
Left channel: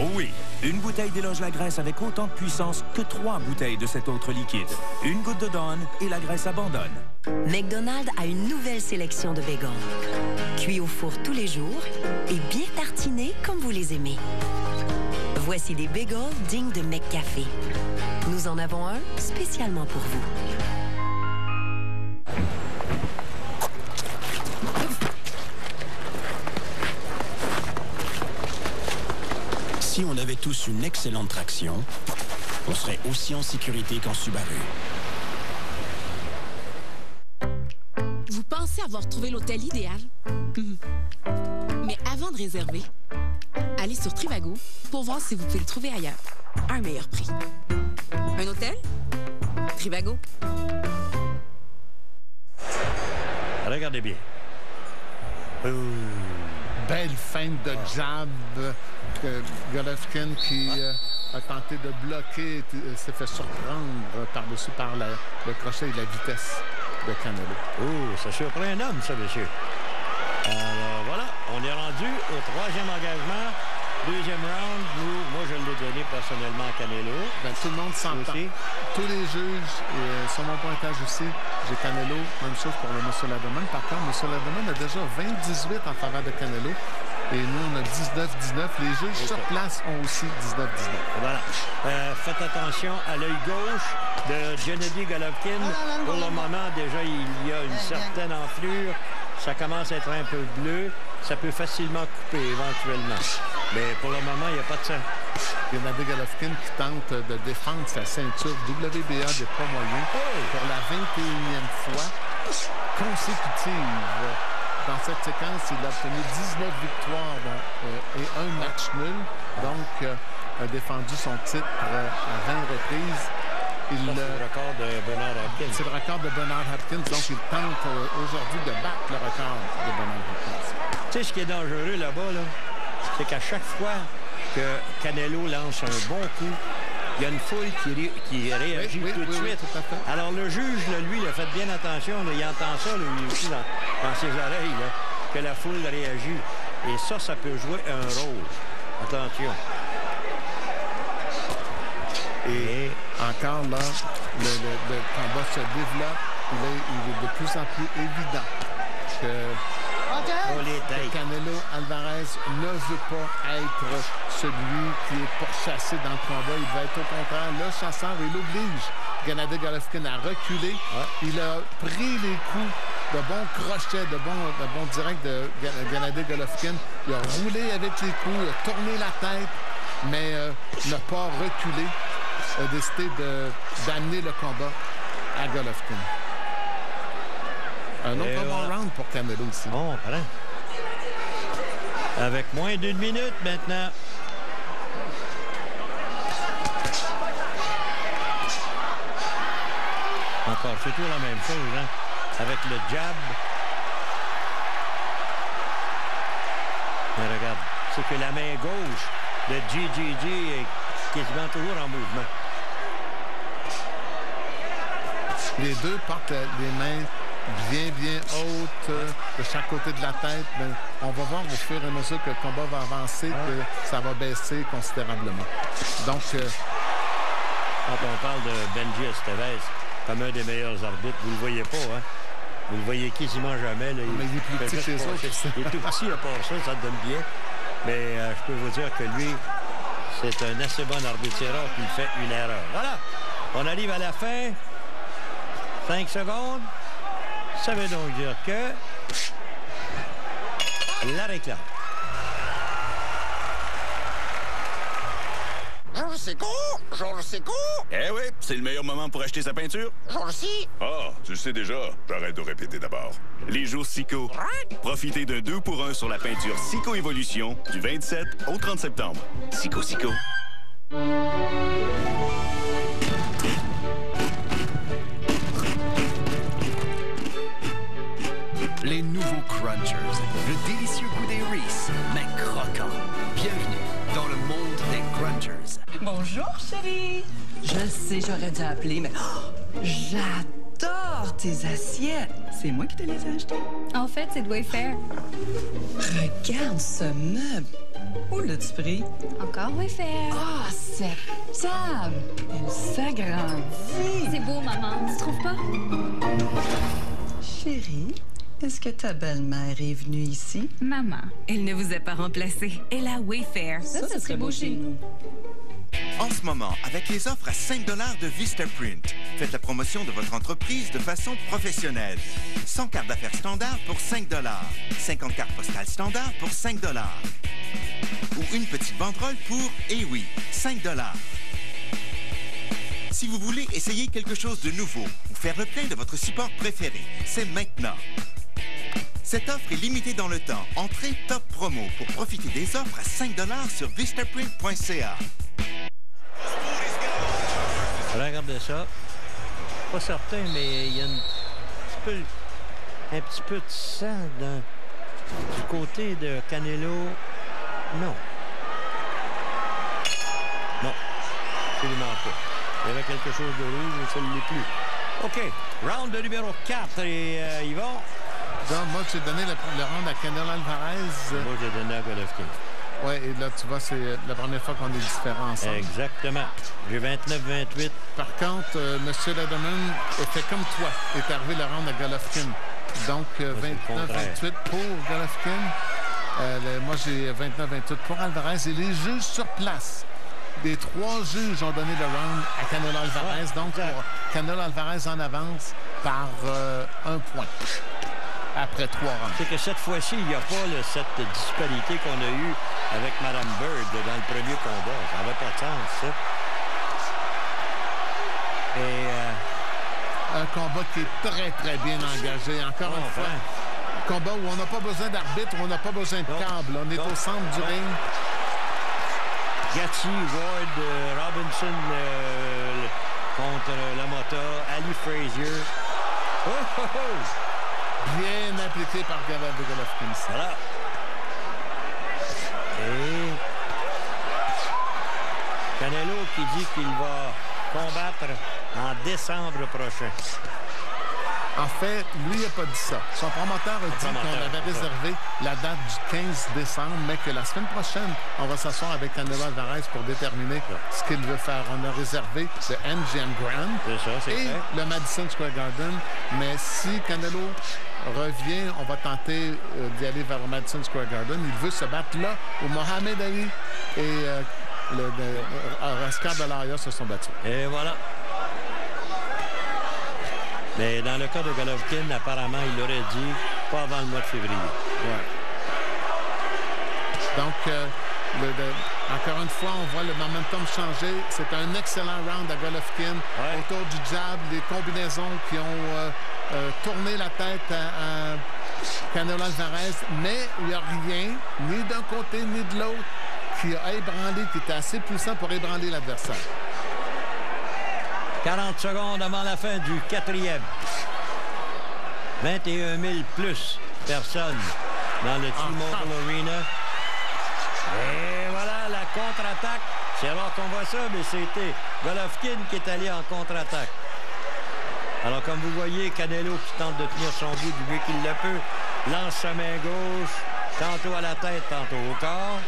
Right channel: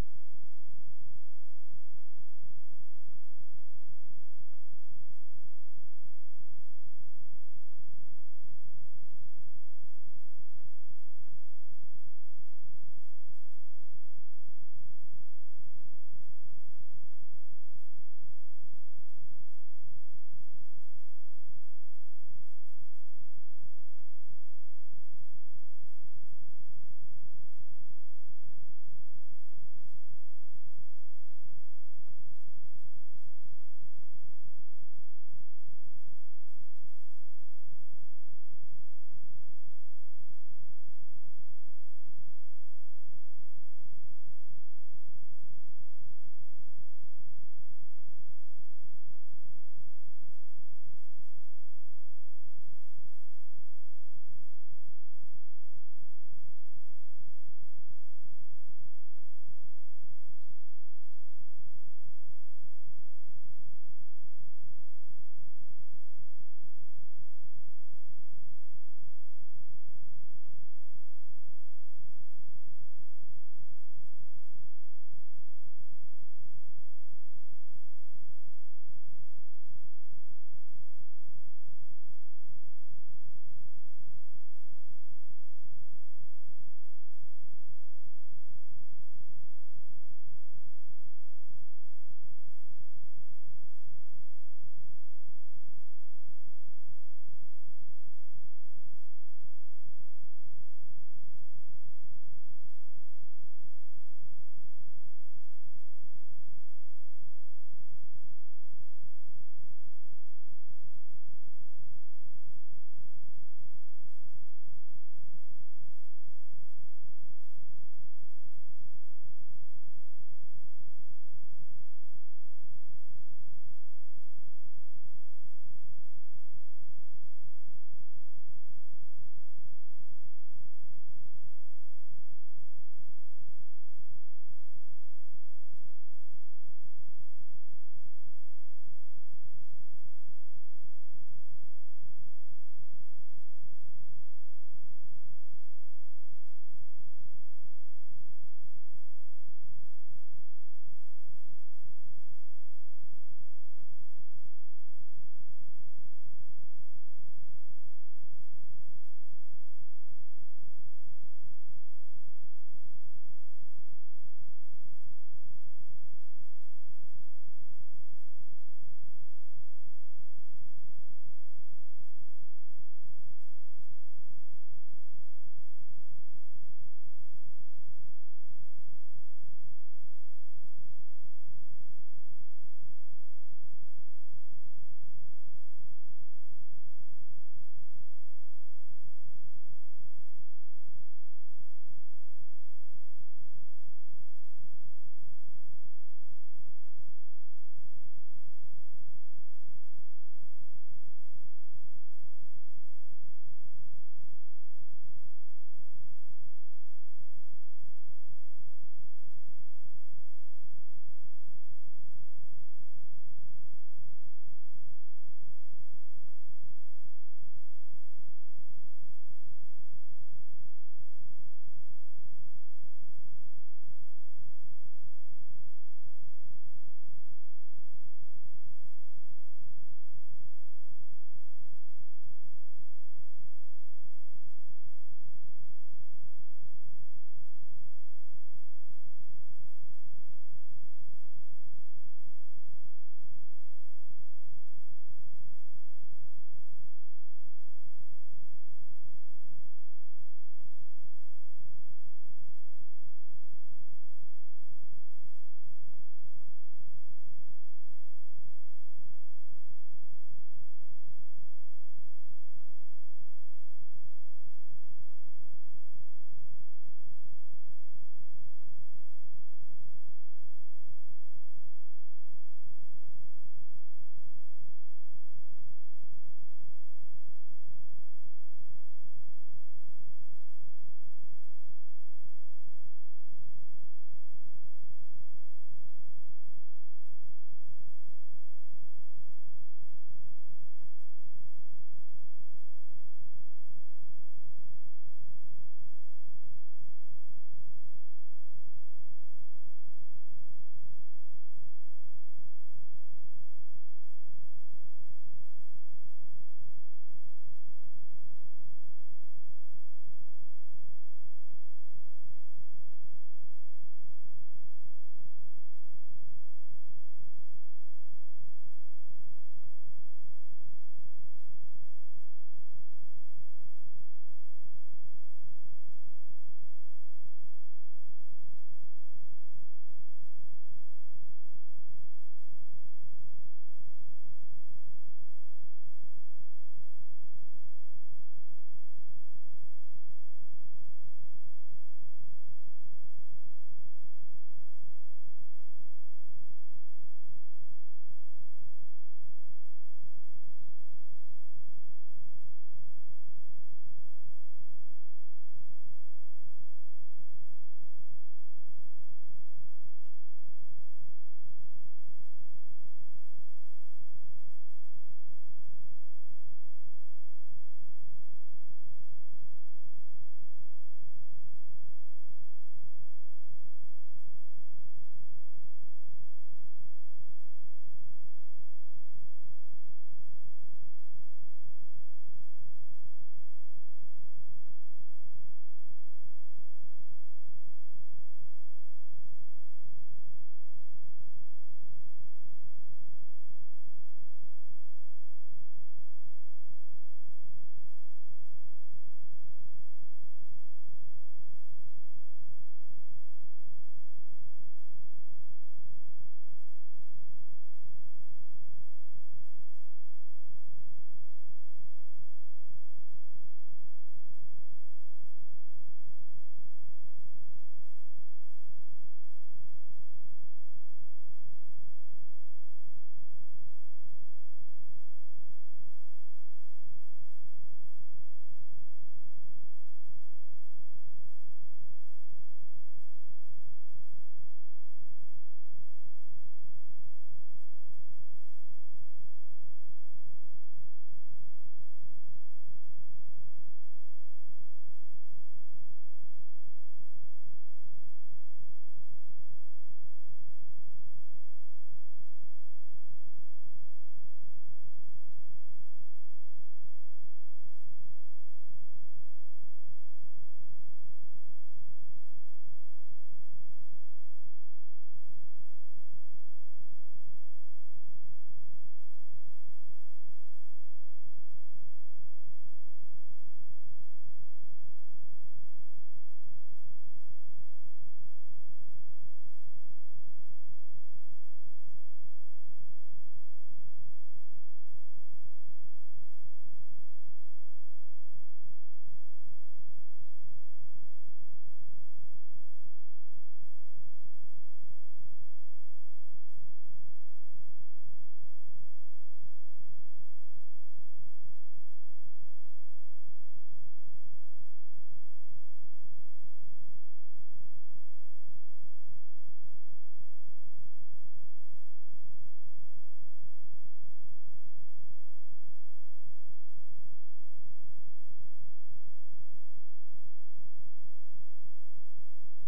Oh oui! Une bouteille déloge la graisse avec autant de puissance que 3 bouteilles de cet autre liquide. Une goutte de Dawn et la graisse abandonne. McDonald's a une nouvelle sélection de bacon. Cuits au four tous les jours et bien tartinés comme vous les aimez. Voici des bagels dignes de McCafé. Nous en avons un spécialement pour vous. Si on avait tous une excellente traction, on serait aussi en sécurité qu'en Subaru. Vous pensez avoir trouvé l'hôtel idéal? Mais avant de réserver, allez sur Trivago pour voir si vous pouvez le trouver ailleurs, à un meilleur prix. Un hôtel? Trivago. Regardez bien. Belle feinte de jab. Golovkin qui a tenté de bloquer, s'est fait surprendre par-dessus par le crochet et la vitesse de Canelo. Oh, ça surprend un homme, ça, monsieur. Alors, voilà, on est rendu au 3e engagement. 2e round, moi, je l'ai donné personnellement à Canelo. Ben, tout le monde s'entend. Tous les juges, sur mon pointage aussi, j'ai Canelo. Même chose pour le Monsieur Lademan. Par contre, Monsieur Lademan a déjà 20-18 en faveur de Canelo. Et nous, on a 19-19. Les juges sur place ont aussi 19-19. Voilà. Faites attention à l'œil gauche de Gennady Golovkin. Pour le moment, déjà, il y a une certaine enflure. Ça commence à être un peu bleu. Ça peut facilement couper éventuellement. Mais pour le moment, il n'y a pas de sang. Gennady Golovkin qui tente de défendre sa ceinture WBA des poids moyens pour la 21e fois consécutive. Dans cette séquence, il a obtenu 19 victoires et un match nul. Donc, a défendu son titre à 20 reprises. C'est le record de Bernard Hopkins. C'est le record de Bernard Hopkins. Donc, il tente aujourd'hui de battre le record de Bernard Hopkins. Tu sais, ce qui est dangereux là-bas, c'est qu'à chaque fois que Canelo lance un bon coup, il y a une foule qui réagit tout de suite. Alors, le juge, lui, il a fait bien attention. Il entend ça, lui aussi, dans ses oreilles, que la foule réagit. Et ça peut jouer un rôle. Attention. Et encore là, le combat se développe. Il est de plus en plus évident que Canelo Alvarez ne veut pas être celui qui est pourchassé dans le combat. Il va être au contraire le chasseur. Il oblige Gennady Golovkin à reculer. Il a pris les coups de bons crochets, de bons directs de Gennady Golovkin. Il a roulé avec les coups, il a tourné la tête, mais n'a pas reculé. A décidé d'amener le combat à Golovkin. Un autre bon round pour Canelo aussi. Bon, voilà. Avec moins d'1 minute maintenant. Encore, c'est toujours la même chose, hein? Avec le jab. Mais regarde, c'est que la main gauche de GGG est quasiment toujours en mouvement. Les deux portent les mains bien hautes de chaque côté de la tête. Mais on va voir au fur et à mesure que le combat va avancer que ça va baisser considérablement. Donc, quand on parle de Benji Estevez comme un des meilleurs arbitres, vous le voyez pas, hein? Vous le voyez quasiment jamais. Là. Mais il est plus petit que les autres. Il est tout petit à part ça, ça te donne bien. Mais je peux vous dire que lui, c'est un assez bon arbitreur qui fait une erreur. Voilà, on arrive à la fin. 5 secondes. Ça veut donc dire que la réclame. Georges Secco! Georges Secco! Eh oui, c'est le meilleur moment pour acheter sa peinture. Georges Si! Ah, tu le sais déjà. J'arrête de répéter d'abord. Les jours Sico. Profitez d'un 2 pour 1 sur la peinture Sico Évolution du 27 au 30 septembre. Sico. Les nouveaux Crunchers. Le délicieux goût des Reese, mais croquant. Bienvenue dans le monde des Crunchers. Bonjour, chérie. Je sais, j'aurais dû appeler, mais j'adore tes assiettes. C'est moi qui te les ai achetées. En fait, c'est de Wayfair. Regarde ce meuble. Où l'as-tu pris? Encore Wayfair. Ah, cette table. Elle s'agrandit. C'est beau, maman. Tu trouves pas? Chérie, est-ce que ta belle-mère est venue ici? Maman, elle ne vous a pas remplacé. Elle a Wayfair. Ça serait beau chez nous. En ce moment, avec les offres à 5 $ de Vistaprint, faites la promotion de votre entreprise de façon professionnelle. 100 cartes d'affaires standard pour 5 $. 50 cartes postales standard pour 5 $. Ou une petite banderole pour, eh oui, 5 $. Si vous voulez essayer quelque chose de nouveau ou faire le plein de votre support préféré, c'est maintenant. Cette offre est limitée dans le temps. Entrez Top Promo pour profiter des offres à 5 $ sur vistaprint.ca. Regardez ça. Pas certain, mais il y a un petit peu de sang du côté de Canelo. Non. Non. Absolument pas. Il y avait quelque chose de rouge, mais ça ne l'est plus. OK. Round de numéro 4 et Yvon. Donc, moi, j'ai donné le round à Canelo Alvarez. Moi, j'ai donné à Golovkin. Oui, et là, tu vois, c'est la première fois qu'on est différents ensemble. Exactement. J'ai 29-28. Par contre, M. Lederman était comme toi. Est arrivé le round à Golovkin. Donc, 29-28 pour Golovkin. Moi, j'ai 29-28 pour Alvarez. Et les juges sur place, des 3 juges ont donné le round à Canelo Alvarez. Ouais, donc, pour Canelo Alvarez en avance par 1 point. Après 3 rounds. C'est que cette fois-ci, il n'y a pas cette disparité qu'on a eue avec Mme Bird dans le premier combat. Ça n'avait pas de sens, ça. Et un combat qui est très, très bien engagé. Encore une fois, un combat où on n'a pas besoin d'arbitre, on n'a pas besoin de câble. On est au centre du ring. Gatti, Ward, Robinson contre Lamotta, Ali Frazier. Oh, oh, oh! Bien appliqué par Golovkin. Voilà. Et Canelo qui dit qu'il va combattre en décembre prochain. En fait, lui, il n'a pas dit ça. Son promoteur a dit qu'on avait réservé la date du 15 décembre, mais que la semaine prochaine, on va s'asseoir avec Canelo Alvarez pour déterminer ce qu'il veut faire. On a réservé le MGM Grand et le Madison Square Garden. Mais si Canelo revient, on va tenter d'y aller vers le Madison Square Garden. Il veut se battre là où Mohamed Ali et Oscar de la Hoya se sont battus. Et voilà. Mais dans le cas de Golovkin, apparemment, il l'aurait dit pas avant le mois de février. Ouais. Donc, encore une fois, on voit le momentum changer. C'est un excellent round à Golovkin. Ouais. Autour du jab, les combinaisons qui ont tourné la tête à Canelo Alvarez. Mais il n'y a rien, ni d'un côté ni de l'autre, qui a ébranlé, qui était assez puissant pour ébranler l'adversaire. 40 secondes avant la fin du 4e. 21 000 plus personnes dans le T-Mobile Arena. Et voilà la contre-attaque. C'est rare qu'on voit ça, mais c'était Golovkin qui est allé en contre-attaque. Alors, comme vous voyez, Canelo qui tente de tenir son bout du mieux qu'il le peut, lance sa main gauche, tantôt à la tête, tantôt au corps.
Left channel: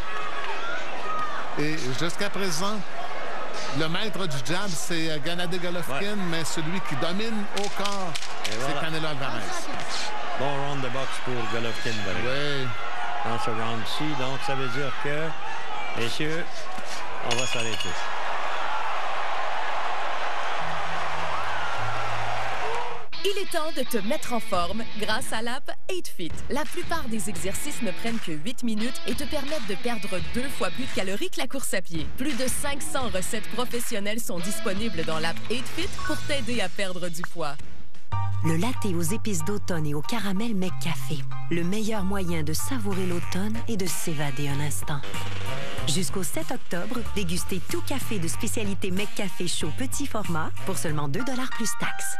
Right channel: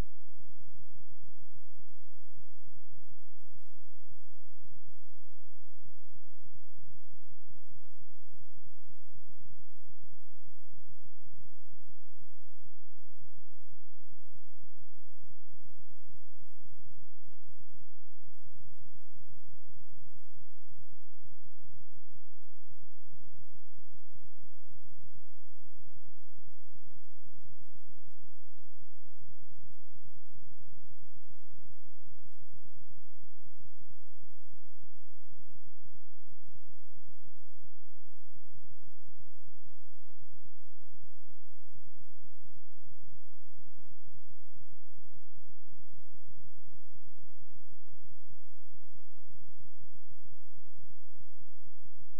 Et jusqu'à présent, le maître du jab, c'est Gennady Golovkin, mais celui qui domine au corps, c'est Canelo Alvarez. Bon round de boxe pour Golovkin. Oui. Dans ce round-ci. Donc, ça veut dire que, messieurs, on va s'arrêter. Il est temps de te mettre en forme grâce à l'app 8Fit. La plupart des exercices ne prennent que 8 minutes et te permettent de perdre 2 fois plus de calories que la course à pied. Plus de 500 recettes professionnelles sont disponibles dans l'app 8Fit pour t'aider à perdre du poids. Le latte aux épices d'automne et au caramel McCafé. Le meilleur moyen de savourer l'automne et de s'évader un instant. Jusqu'au 7 octobre, dégustez tout café de spécialité McCafé chaud petit format pour seulement 2 $ plus taxes.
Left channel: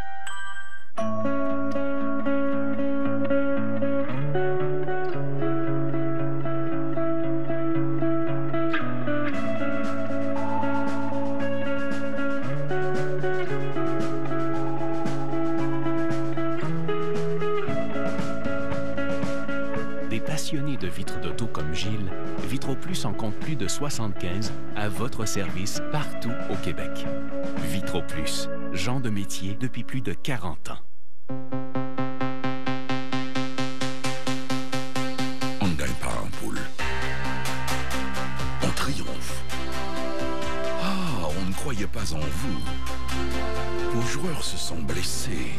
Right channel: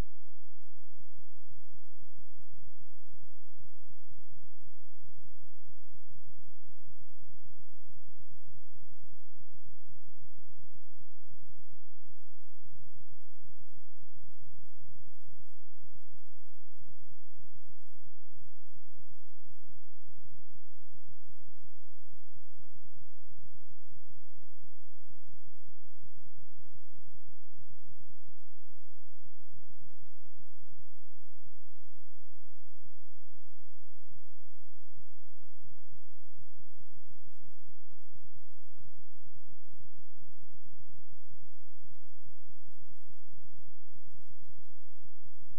Des passionnés de vitres d'auto comme Gilles, VitroPlus en compte plus de 75 à votre service partout au Québec. VitroPlus, genre de métier depuis plus de 40 ans. On ne gagne pas en poule. On triomphe. Ah, on ne croyait pas en vous. Vos joueurs se sont blessés.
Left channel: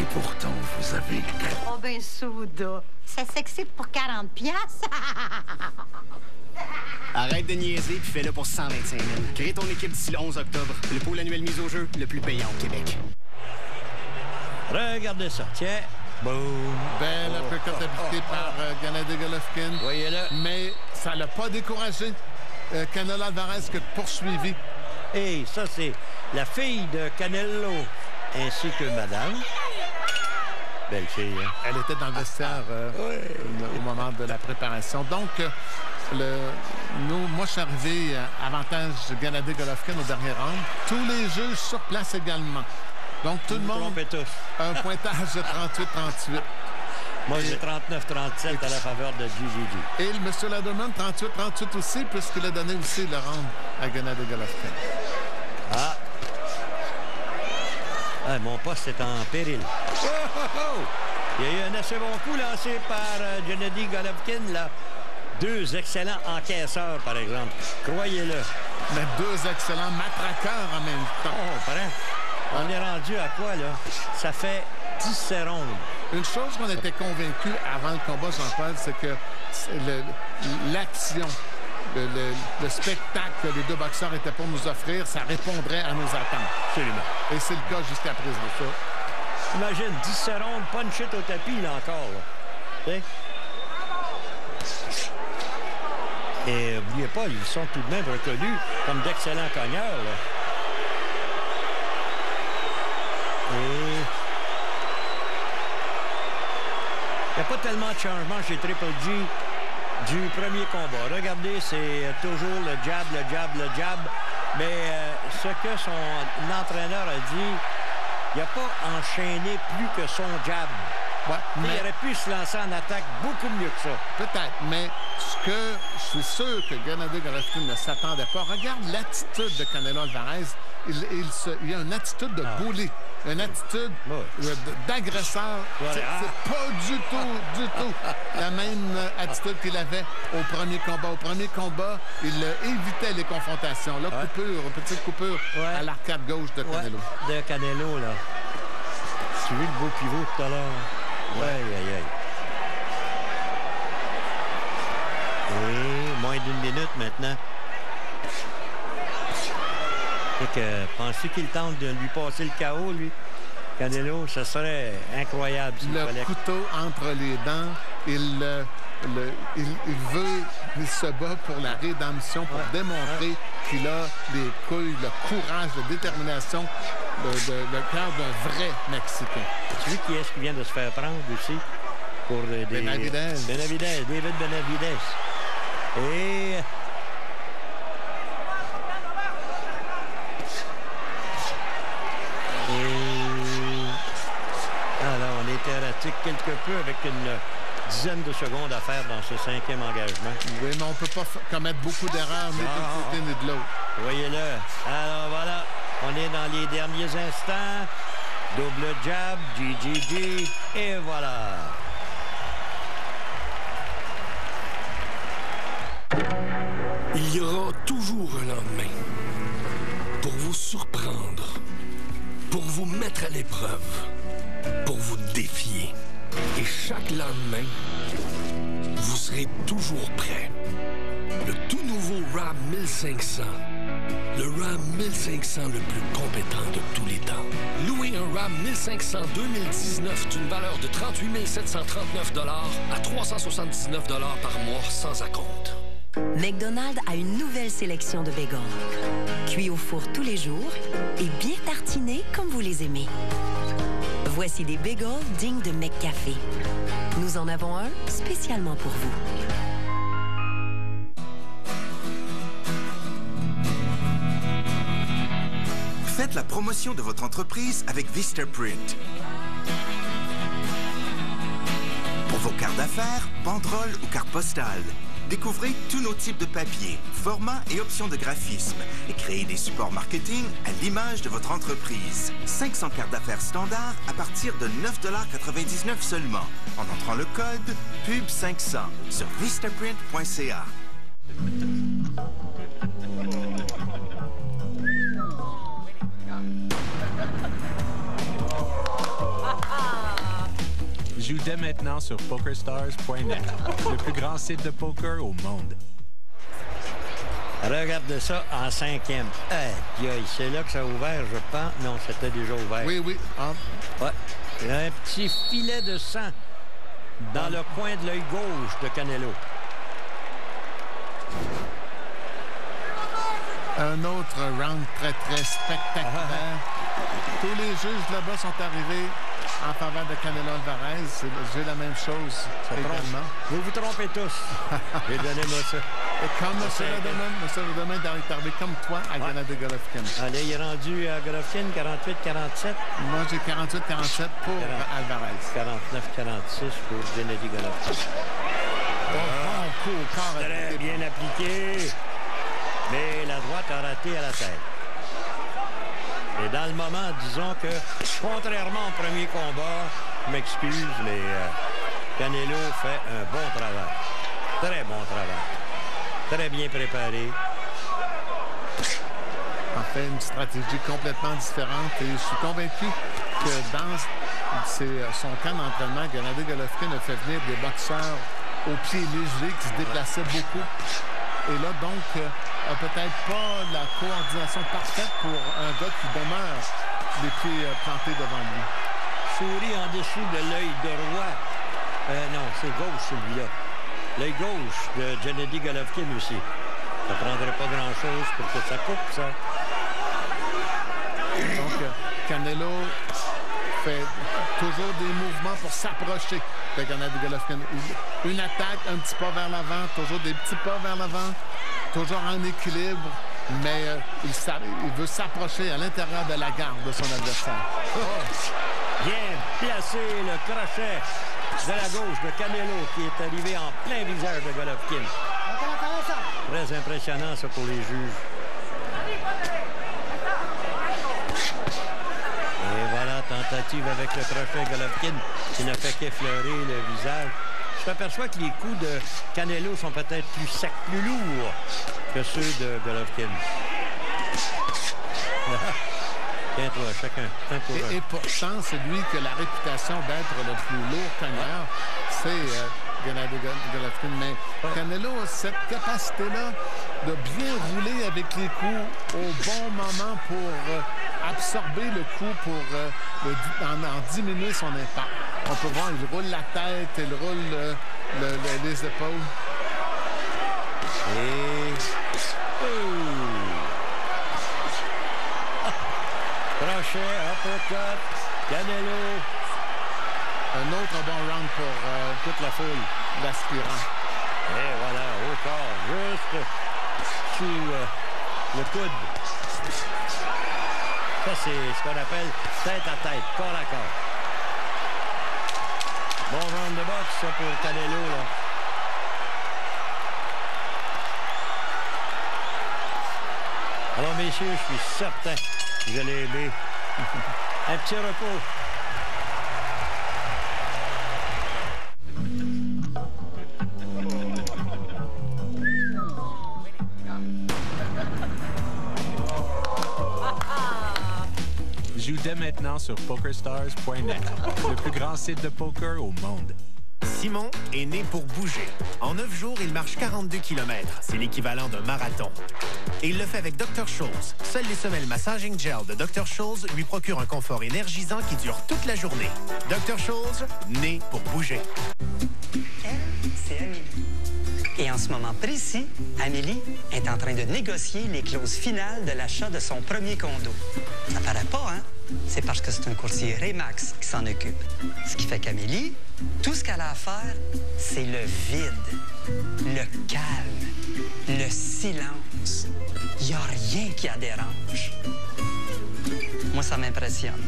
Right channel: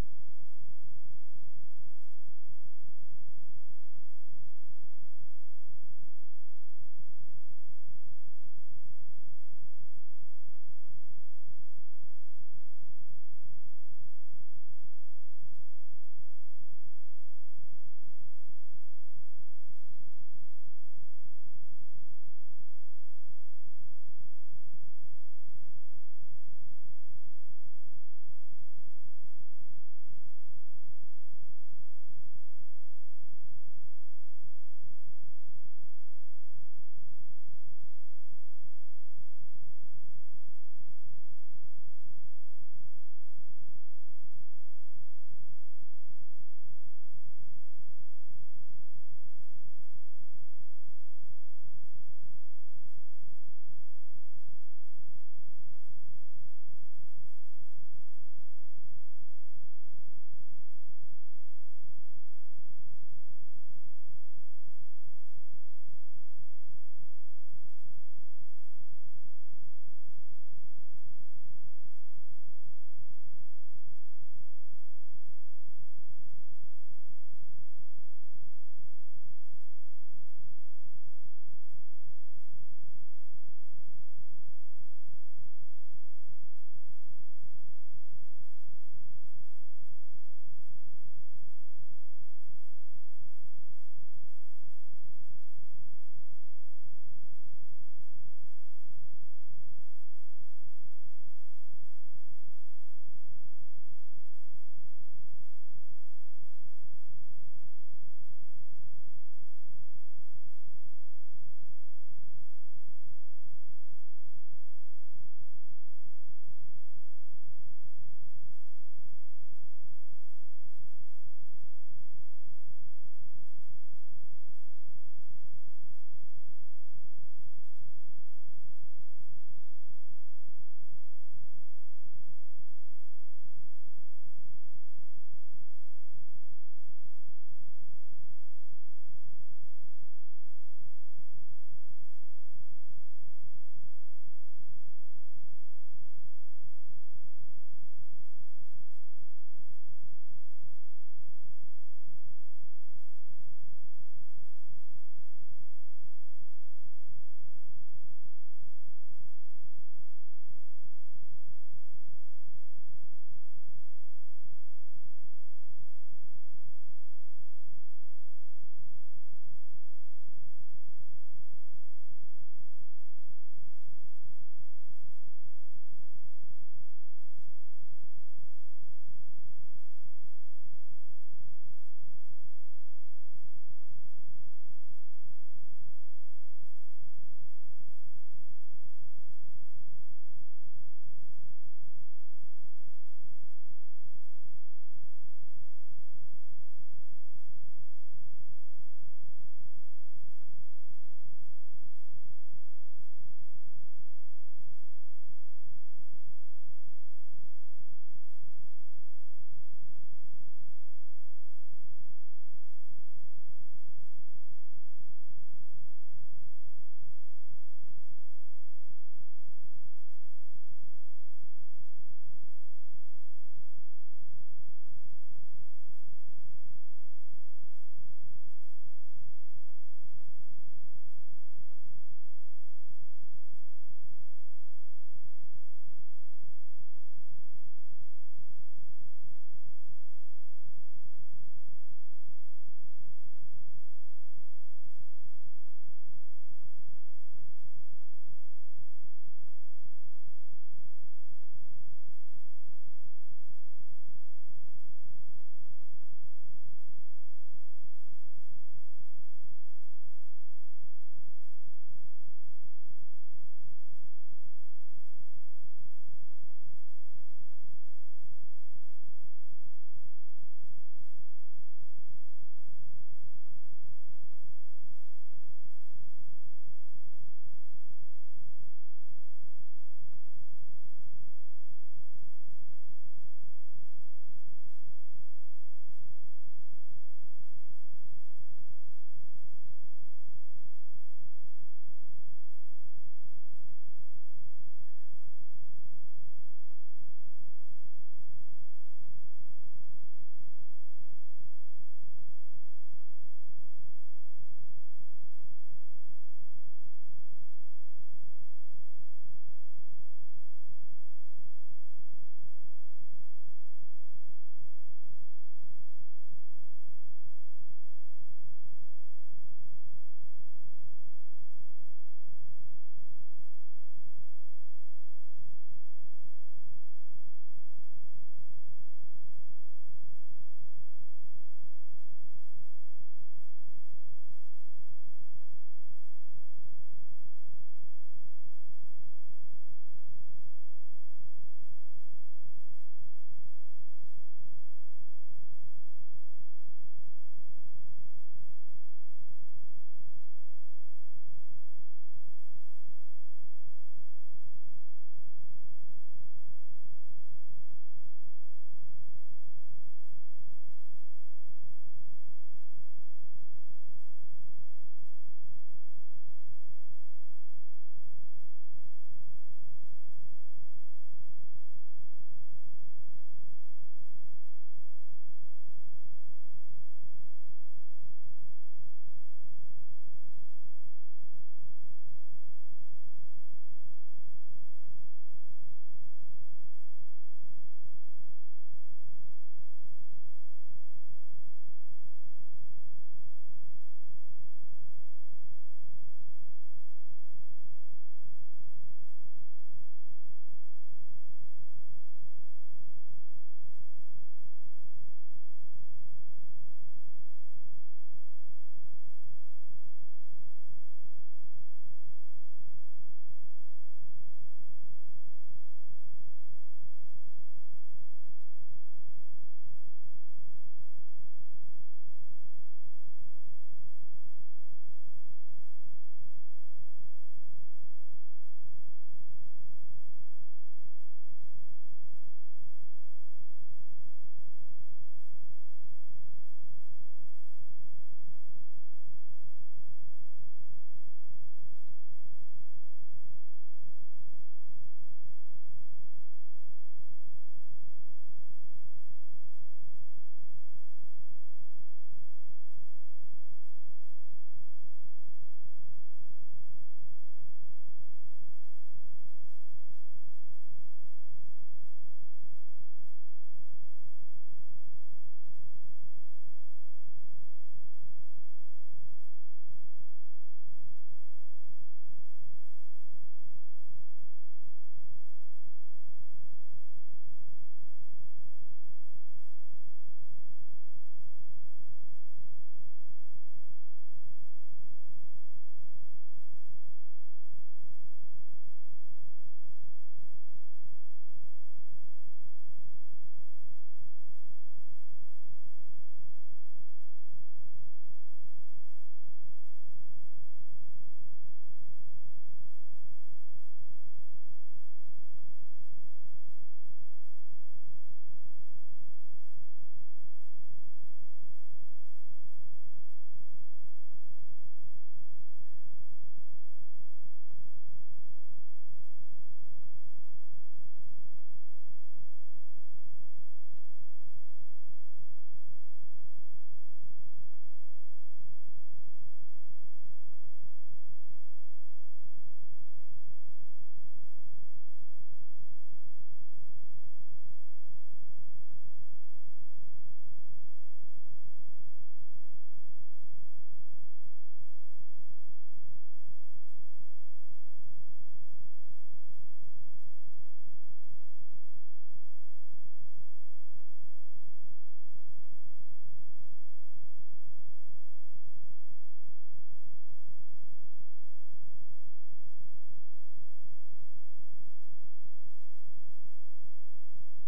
Et pourtant, vous avez gagné. Oh ben, Souda, ça s'excite pour 40 piastres. Arrête de niaiser puis fais-le pour 125 000. Crée ton équipe d'ici le 11 octobre. Le pôle annuel mise au jeu, le plus payant au Québec. Regardez ça. Tiens. Boum. Belle uppercut appliquée par Gennady Golovkin. Voyez-le. Mais ça l'a pas découragé. Canelo Alvarez qui a poursuivi. Et ça, c'est la fille de Canelo ainsi que madame. Belle fille. Hein? Elle était dans le vestiaire au moment de la préparation. Donc, moi, je suis arrivé avantage Gennady Golovkin au dernier round. Tous les juges sur place également. Donc, tout le monde a un pointage de 38-38. Moi, j'ai 39-37 à la faveur de GGG. Et le M. Laderman, 38-38 aussi, puisqu'il a donné aussi le round à Gennady Golovkin. Ah! Ah, mon poste est en péril. Oh, oh, oh! Il y a eu un assez bon coup lancé par Gennady Golovkin, là. 2 excellents encaisseurs, par exemple. Croyez-le. Mais 2 excellents matraqueurs en même temps. Oh, pareil. On est rendu à quoi, là? Ça fait 17 rondes. Une chose qu'on était convaincu avant le combat, Jean-Paul, c'est que l'action, le spectacle que les 2 boxeurs étaient pour nous offrir, ça répondrait à nos attentes. Absolument. Et c'est le cas jusqu'à présent, ça. Imagine, 17 rondes, punch it au tapis, là, encore. Là. Et n'oubliez pas, ils sont tout de même reconnus comme d'excellents cogneurs, là. Et il n'y a pas tellement de changement chez Triple G du premier combat. Regardez, c'est toujours le jab, le jab, le jab. Mais ce que son entraîneur a dit, il n'a pas enchaîné plus que son jab. Ouais, mais il aurait pu se lancer en attaque beaucoup mieux que ça. Peut-être, mais ce que je suis sûr que Gennady Golovkin ne s'attendait pas. Regarde l'attitude de Canelo Alvarez. Il y a une attitude de bully, une attitude d'agresseur. Voilà. C'est pas du tout la même attitude qu'il avait au premier combat. Au premier combat, il évitait les confrontations. Là, petite coupure à l'arcade gauche de Canelo. De Canelo, là. Tu as vu le beau pivot tout à l'heure? Aïe, aïe, aïe. Et moins d'1 minute maintenant. Et que pensez qu'il tente de lui passer le KO, lui? Canelo, ce serait incroyable. Le couteau entre les dents, il se bat pour la rédemption, pour démontrer qu'il a les couilles, le courage, la détermination, le cœur d'un vrai Mexicain. Tu sais qui est-ce qui vient de se faire prendre aussi? Pour des... Benavidez, David Benavidez. Et... Alors, on était erratique quelque peu avec une dizaine de secondes à faire dans ce 5e engagement. Oui, mais on ne peut pas commettre beaucoup d'erreurs, ni d'un côté ni de l'autre. Voyez-le. Alors, voilà. On est dans les derniers instants. Double jab, GGG, et voilà. Il y aura toujours un lendemain. Pour vous surprendre. Pour vous mettre à l'épreuve. Pour vous défier. Et chaque lendemain, vous serez toujours prêt. Le tout nouveau Ram 1500. Le Ram 1500 le plus compétent de tous les temps. Louer un Ram 1500 2019 d'une valeur de 38 739 $ à 379 $ par mois sans acompte. McDonald's a une nouvelle sélection de bacon. Cuits au four tous les jours et bien tartinés comme vous les aimez. Voici des bagels dignes de McCafé. Nous en avons un spécialement pour vous. Faites la promotion de votre entreprise avec Vistaprint. Pour vos cartes d'affaires, banderoles ou cartes postales, découvrez tous nos types de papier, formats et options de graphisme et créez des supports marketing à l'image de votre entreprise. 500 cartes d'affaires standards à partir de 9,99 $ seulement en entrant le code PUB500 sur vistaprint.ca. Joue dès maintenant sur PokerStars.net, le plus grand site de poker au monde. Regarde ça en 5e. C'est là que ça a ouvert, je pense. Non, c'était déjà ouvert. Oui, oui. Ouais. Un petit filet de sang dans le coin de l'œil gauche de Canelo. Un autre round très, très spectaculaire. Tous les juges là-bas sont arrivés en faveur de Canelo Alvarez. J'ai la même chose également. Vous vous trompez tous. Et donnez-moi ça. Et comme M. Redeman est arrivé comme toi à Gennady Golovkin. Allez, il est rendu à Golovkin 48-47. Moi, j'ai 48-47 pour Alvarez. 49-46 pour Gennady Golovkin. Bon coup au corps. Très bien appliqué. Mais la droite a raté à la tête. Et dans le moment, disons que, contrairement au premier combat, je m'excuse, mais Canelo fait un bon travail. Très bon travail. Très bien préparé. En fait, une stratégie complètement différente. Et je suis convaincu que dans son camp d'entraînement, Gennady Golovkin a fait venir des boxeurs au pied léger qui se déplaçaient beaucoup. Et là, donc, a peut-être pas la coordination parfaite pour un gars qui demeure les pieds plantés devant lui. Souris en dessous de l'œil droit. Non, c'est gauche celui-là. L'œil gauche de Gennady Golovkin aussi. Ça ne prendrait pas grand-chose pour que ça coupe, ça. Donc, Canelo fait toujours des mouvements pour s'approcher de Gennady Golovkin. Une attaque, un petit pas vers l'avant, toujours des petits pas vers l'avant, toujours en équilibre, mais il veut s'approcher à l'intérieur de la garde de son adversaire. Bien placé le crochet de la gauche de Canelo qui est arrivé en plein visage de Golovkin. Très impressionnant ça pour les juges. Et voilà, tentative avec le crochet Golovkin qui n'a fait qu'effleurer le visage. Je m'aperçois que les coups de Canelo sont peut-être plus secs, plus lourds que ceux de Golovkin. Tiens-toi, chacun. Et pourtant, c'est lui qui a la réputation d'être le plus lourd cogneur. C'est Gennady Golovkin. Mais Canelo a cette capacité-là de bien rouler avec les coups au bon moment pour absorber le coup, pour en diminuer son impact. On peut voir, il roule la tête, il roule les épaules. Et... Crochet, uppercut, Canelo. Un autre bon round pour toute la foule, l'aspirant. Et voilà, au corps, juste sous le coude. Ça, c'est ce qu'on appelle tête à tête, corps à corps. Bon round de boxe, ça, pour Canelo, là. Alors, messieurs, je suis certain que vous allez aimer. Un petit repos. sur PokerStars.net, le plus grand site de poker au monde. Simon est né pour bouger. En 9 jours, il marche 42 km. C'est l'équivalent d'un marathon. Et il le fait avec Dr. Scholl's. Seules les semelles Massaging Gel de Dr. Scholl's lui procurent un confort énergisant qui dure toute la journée. Dr. Scholl's, né pour bouger. Elle, c'est Amélie. Et en ce moment précis, Amélie est en train de négocier les clauses finales de l'achat de son premier condo. Ça paraît pas, hein? C'est parce que c'est un courtier Remax qui s'en occupe. Ce qui fait qu'Amélie, tout ce qu'elle a à faire, c'est le vide, le calme, le silence. Il n'y a rien qui la dérange. Moi, ça m'impressionne.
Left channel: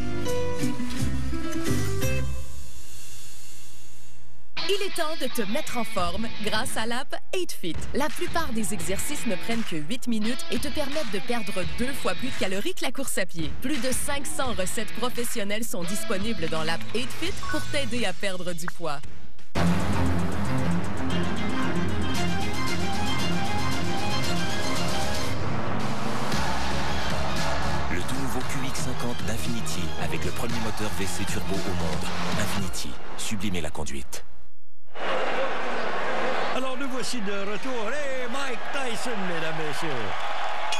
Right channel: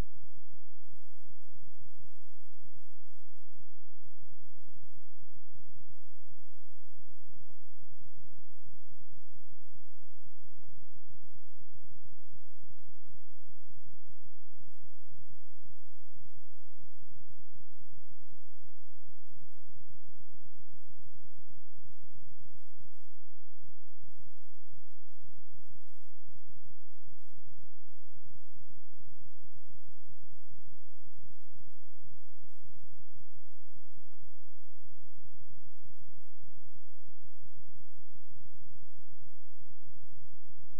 Il est temps de te mettre en forme grâce à l'app 8Fit. La plupart des exercices ne prennent que 8 minutes et te permettent de perdre 2 fois plus de calories que la course à pied. Plus de 500 recettes professionnelles sont disponibles dans l'app 8Fit pour t'aider à perdre du poids. Le tout nouveau QX50 d'Infiniti avec le premier moteur WC turbo au monde. Infiniti, sublimez la conduite. Alors, nous voici de retour. Hey, Mike Tyson, mesdames, messieurs.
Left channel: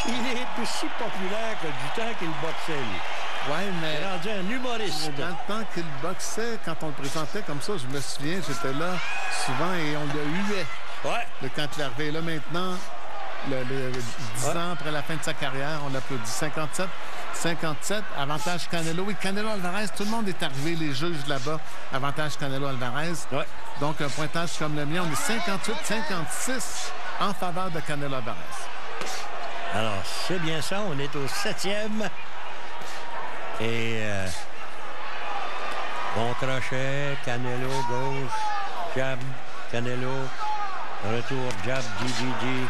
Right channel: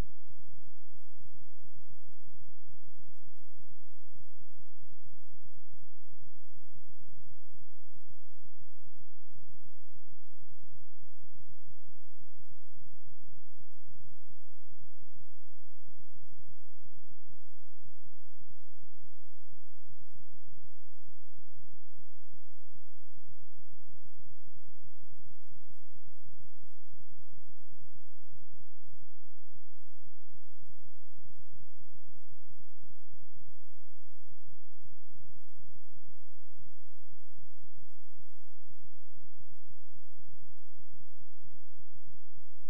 Il est aussi populaire que du temps qu'il boxait, lui. Oui, mais... Il est rendu un humoriste. Dans le temps qu'il boxait, quand on le présentait comme ça, je me souviens, j'étais là souvent et on le huait. Ouais. Quand il est arrivé là maintenant, 10 ans après la fin de sa carrière, on l'applaudit. 57, avantage Canelo. Oui, Canelo Alvarez, tout le monde est arrivé, les juges là-bas, avantage Canelo Alvarez. Ouais. Donc, un pointage comme le mien, on est 58-56 en faveur de Canelo Alvarez. Alors, c'est bien ça, on est au 7e. Et bon crochet, Canelo, gauche, jab, Canelo, retour, jab, GGG.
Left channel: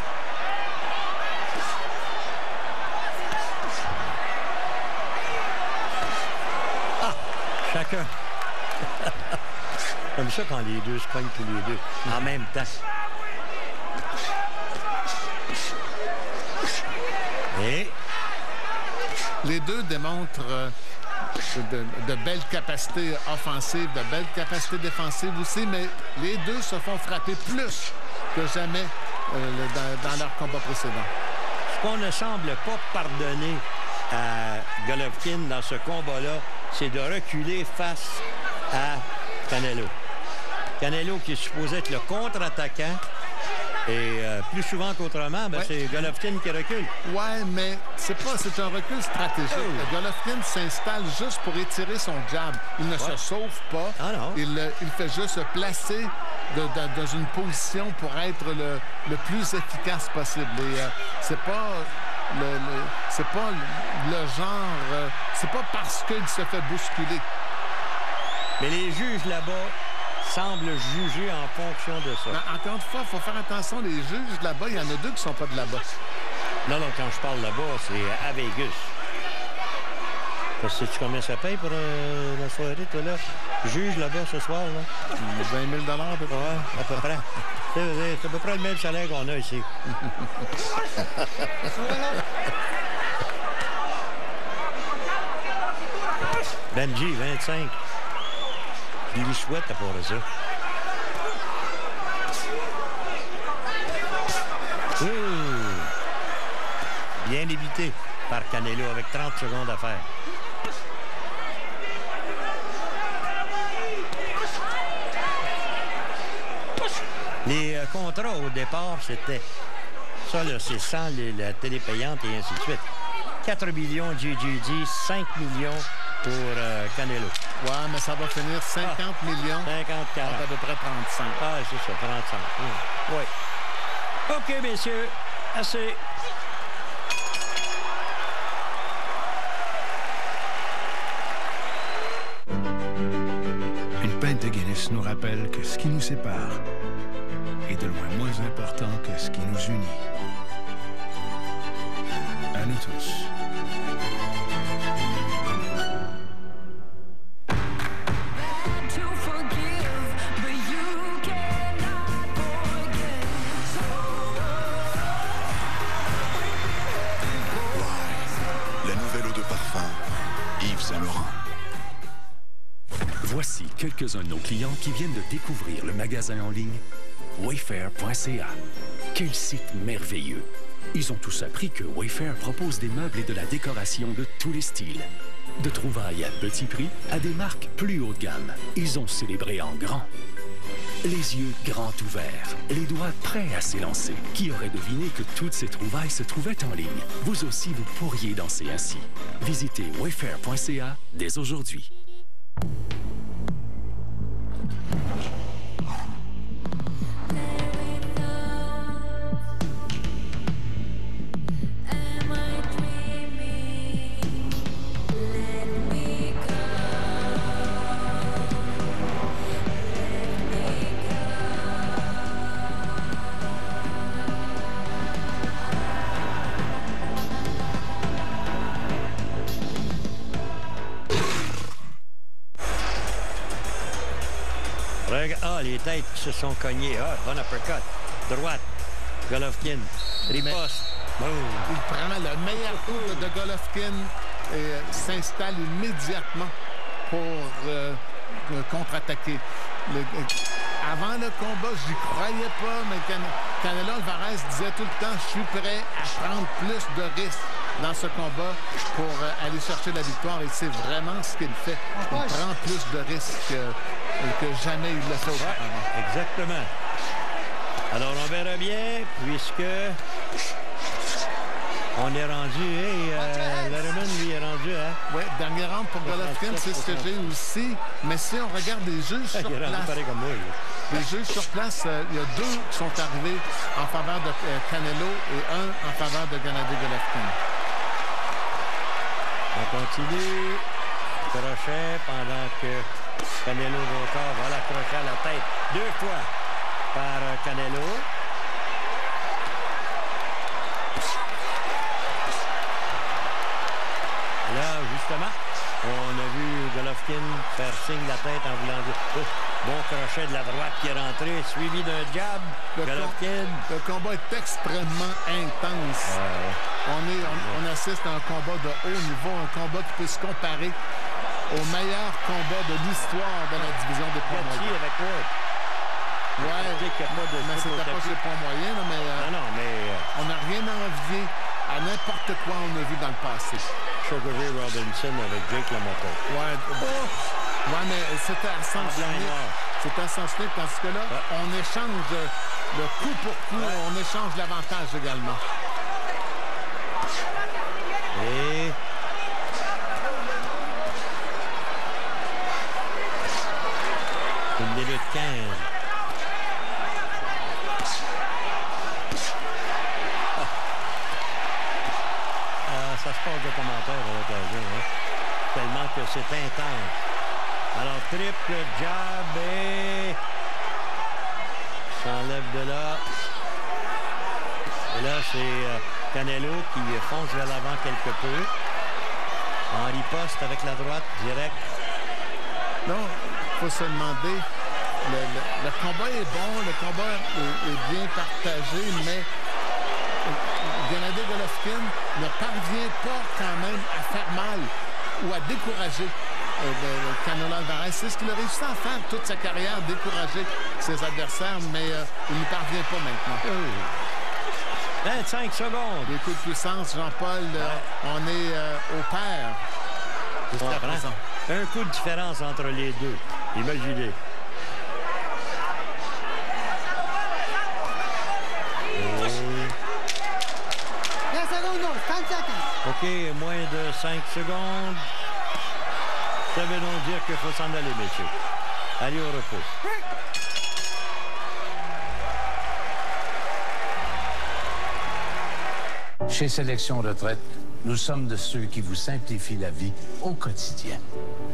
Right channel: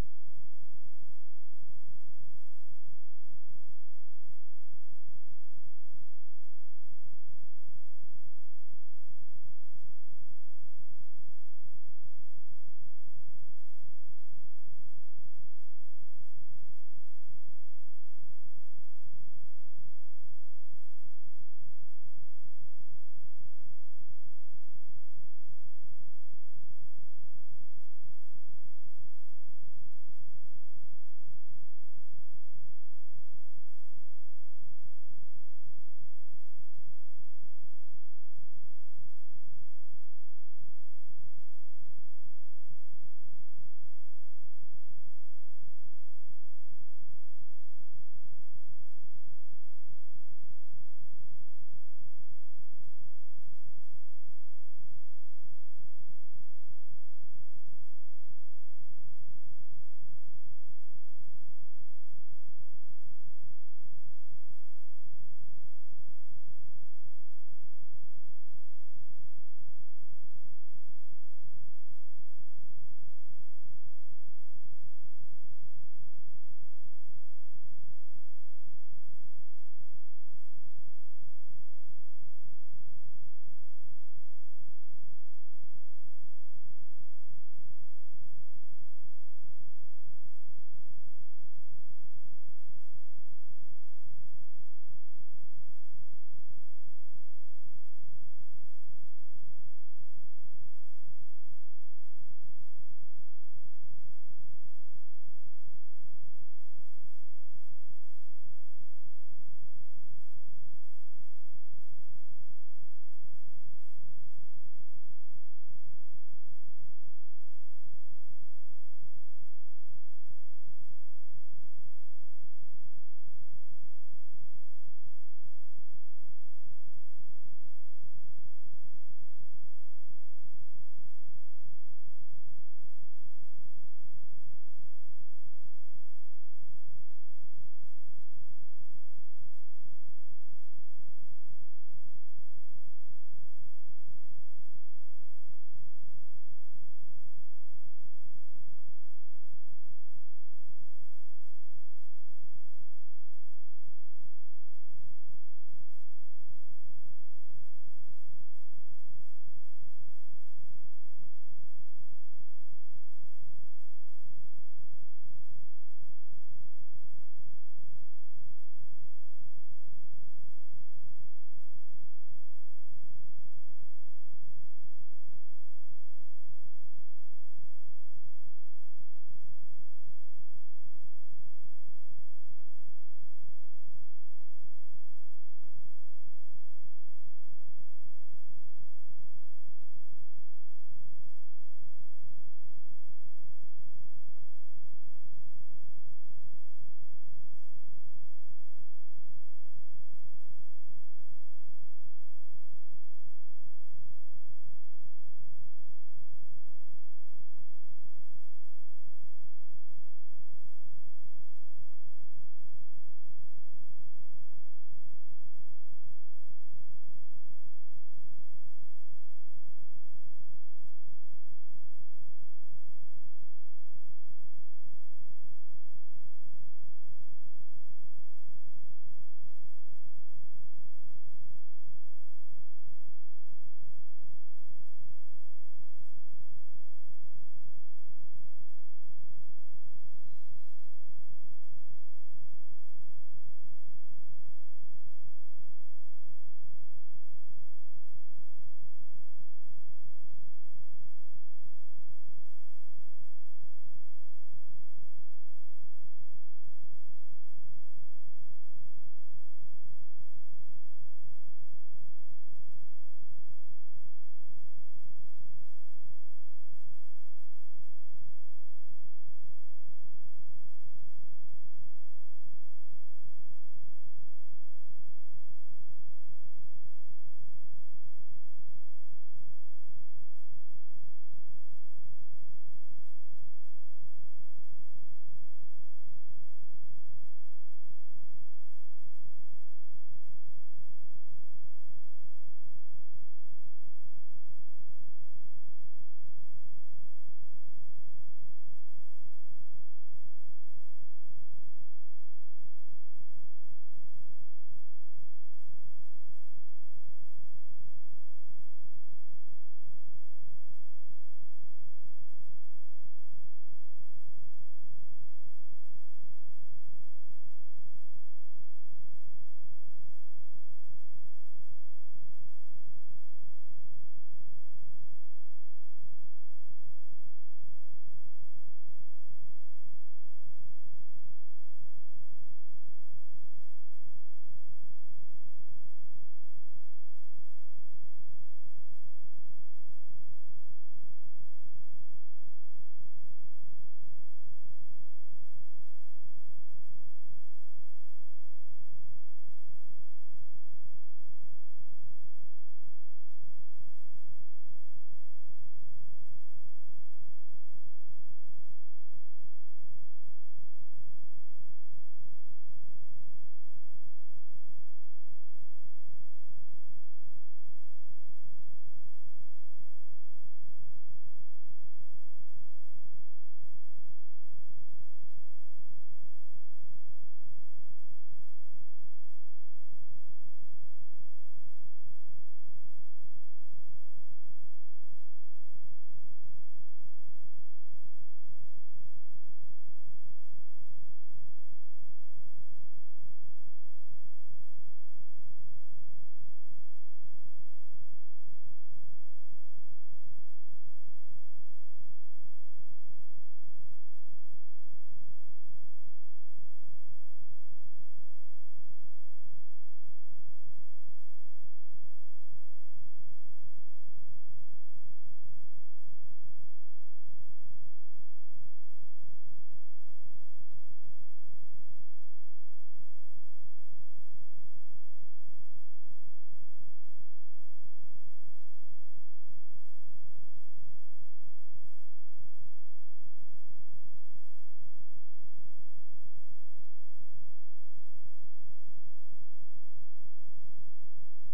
Ah, chacun. Comme ça quand les deux se cognent tous les deux, en même temps. Et les deux démontrent de belles capacités offensives, de belles capacités défensives aussi, mais les deux se font frapper plus que jamais dans leur combat précédent. Ce qu'on ne semble pas pardonner à Golovkin dans ce combat-là, c'est de reculer face à Canelo. Canelo qui est supposé être le contre-attaquant. Et plus souvent qu'autrement, c'est Golovkin qui recule. Ouais, mais c'est un recul stratégique. Golovkin s'installe juste pour étirer son jab. Il ne se sauve pas. Ah non. Il fait juste se placer dans une position pour être le plus efficace possible. Et c'est pas le genre... c'est pas parce qu'il se fait bousculer. Mais les juges là-bas semble juger en fonction de ça. Encore une fois, il faut faire attention. Les juges là-bas, il y en a deux qui ne sont pas de là-bas. Non, quand je parle là-bas, c'est à Vegas. Sais-tu combien ça paye pour la soirée, toi, là? Juge là-bas ce soir, là? 20 000 à peu près. Ouais, à peu près. C'est à peu près le même salaire qu'on a ici. Benji, 25. Je lui souhaite à part ça. Bien évité par Canelo avec 30 secondes à faire. Les contrats au départ, c'était ça, là, c'est sans la télé payante et ainsi de suite. 4 millions GGG, 5 millions pour Canelo. Ouais, mais ça va finir 50 millions. 50-40. À peu près 35. Ah, c'est ça, 35. Oui. OK, messieurs, assez. Une pinte de Guinness nous rappelle que ce qui nous sépare est de loin moins important que ce qui nous unit. À nous tous. La nouvelle eau de parfum, Yves Saint Laurent. quelques-uns de nos clients qui viennent de découvrir le magasin en ligne Wayfair.ca. Quel site merveilleux! Ils ont tous appris que Wayfair propose des meubles et de la décoration de tous les styles. De trouvailles à petit prix à des marques plus haut de gamme. Ils ont célébré en grand. Les yeux grands ouverts, les doigts prêts à s'élancer. Qui aurait deviné que toutes ces trouvailles se trouvaient en ligne? Vous aussi, vous pourriez danser ainsi. Visitez wayfair.ca dès aujourd'hui. Les têtes qui se sont cognées. Ah, bon uppercut. Droite. Golovkin. Riposte. Il prend le meilleur coup de Golovkin et s'installe immédiatement pour contre-attaquer. Avant le combat, j'y croyais pas, mais Canelo Alvarez disait tout le temps « Je suis prêt à prendre plus de risques dans ce combat pour aller chercher la victoire ». Et c'est vraiment ce qu'il fait. Il prend plus de risques que jamais il le fait auparavant. Exactement. Alors, on verra bien, puisque on est rendu, Letterman, lui, est rendu, hein? Oui, dernier round pour Golovkin, c'est ce que j'ai aussi. Mais si on regarde les juges sur place, les juges sur place, il y a 2 qui sont arrivés en faveur de Canelo et 1 en faveur de Gennady Golovkin. On continue. Crochet pendant que Canelo Roca va l'accrocher à la tête 2 fois par Canelo. Là, justement, on a vu Golovkin faire signe la tête en voulant dire bon crochet de la droite qui est rentré, suivi d'un jab. Golovkin. Le combat est extrêmement intense. On assiste à un combat de haut niveau, un combat qui peut se comparer au meilleur combat de l'histoire de la division des poids moyens. Avec Ward. Ouais, mais c'était pas chez les poids moyens, mais, on n'a rien à envier à n'importe quoi on a vu dans le passé. Sugar Ray Robinson avec Jake LaMotta. Ouais, mais c'était à sens unique. C'était à sens unique parce que là, on échange le coup pour coup, on échange l'avantage également. Et... 1 minute 15. Ça se passe de commentaires à l'occasion, hein? Tellement que c'est intense. Alors, triple jab et... s'enlève de là. Et là, c'est Canelo qui fonce vers l'avant quelque peu. En riposte avec la droite, direct. Non, il faut se demander, le combat est bon, le combat est bien partagé, mais Gennady Golovkin ne parvient pas quand même à faire mal ou à décourager Canelo Alvarez. C'est ce qu'il a réussi à faire toute sa carrière, décourager ses adversaires, mais il n'y parvient pas maintenant. 25 secondes. Les coups de puissance, Jean-Paul, on est au pair. Un coup de différence entre les deux. Imaginez. OK, moins de 5 secondes. Ça veut donc dire qu'il faut s'en aller, messieurs. Allez au repos. Chez Sélection Retraite, nous sommes de ceux qui vous simplifient la vie au quotidien.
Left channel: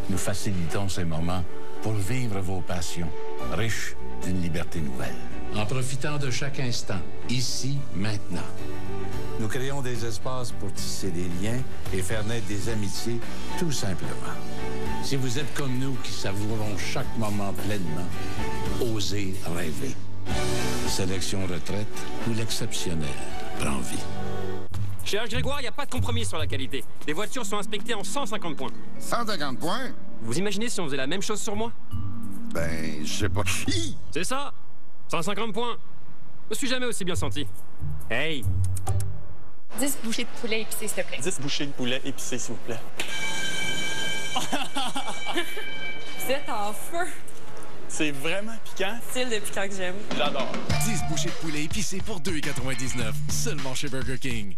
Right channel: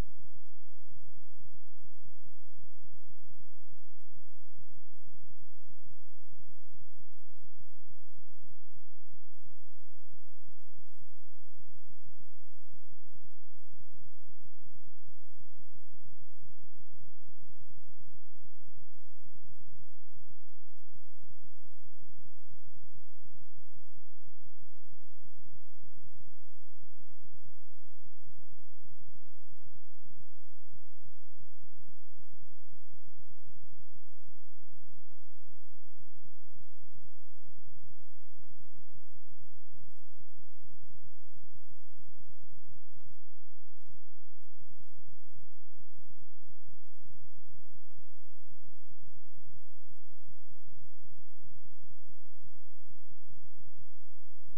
Nous facilitons ces moments pour vivre vos passions, riches d'une liberté nouvelle. En profitant de chaque instant, ici, maintenant. Nous créons des espaces pour tisser des liens et faire naître des amitiés, tout simplement. Si vous êtes comme nous qui savourons chaque moment pleinement, osez rêver. Sélection Retraite, où l'exceptionnel prend vie. Chez H. Grégoire, il n'y a pas de compromis sur la qualité. Les voitures sont inspectées en 150 points. 150 points? Vous imaginez si on faisait la même chose sur moi? Ben, je sais pas. C'est ça! 150 points! Je me suis jamais aussi bien senti. Hey! 10 bouchées de poulet épicé, s'il te plaît. 10 bouchées de poulet épicé, s'il vous plaît. Vous êtes en feu. C'est vraiment piquant. Style de piquant que j'aime. J'adore. 10 bouchées de poulet épicé pour 2,99. Seulement chez Burger King.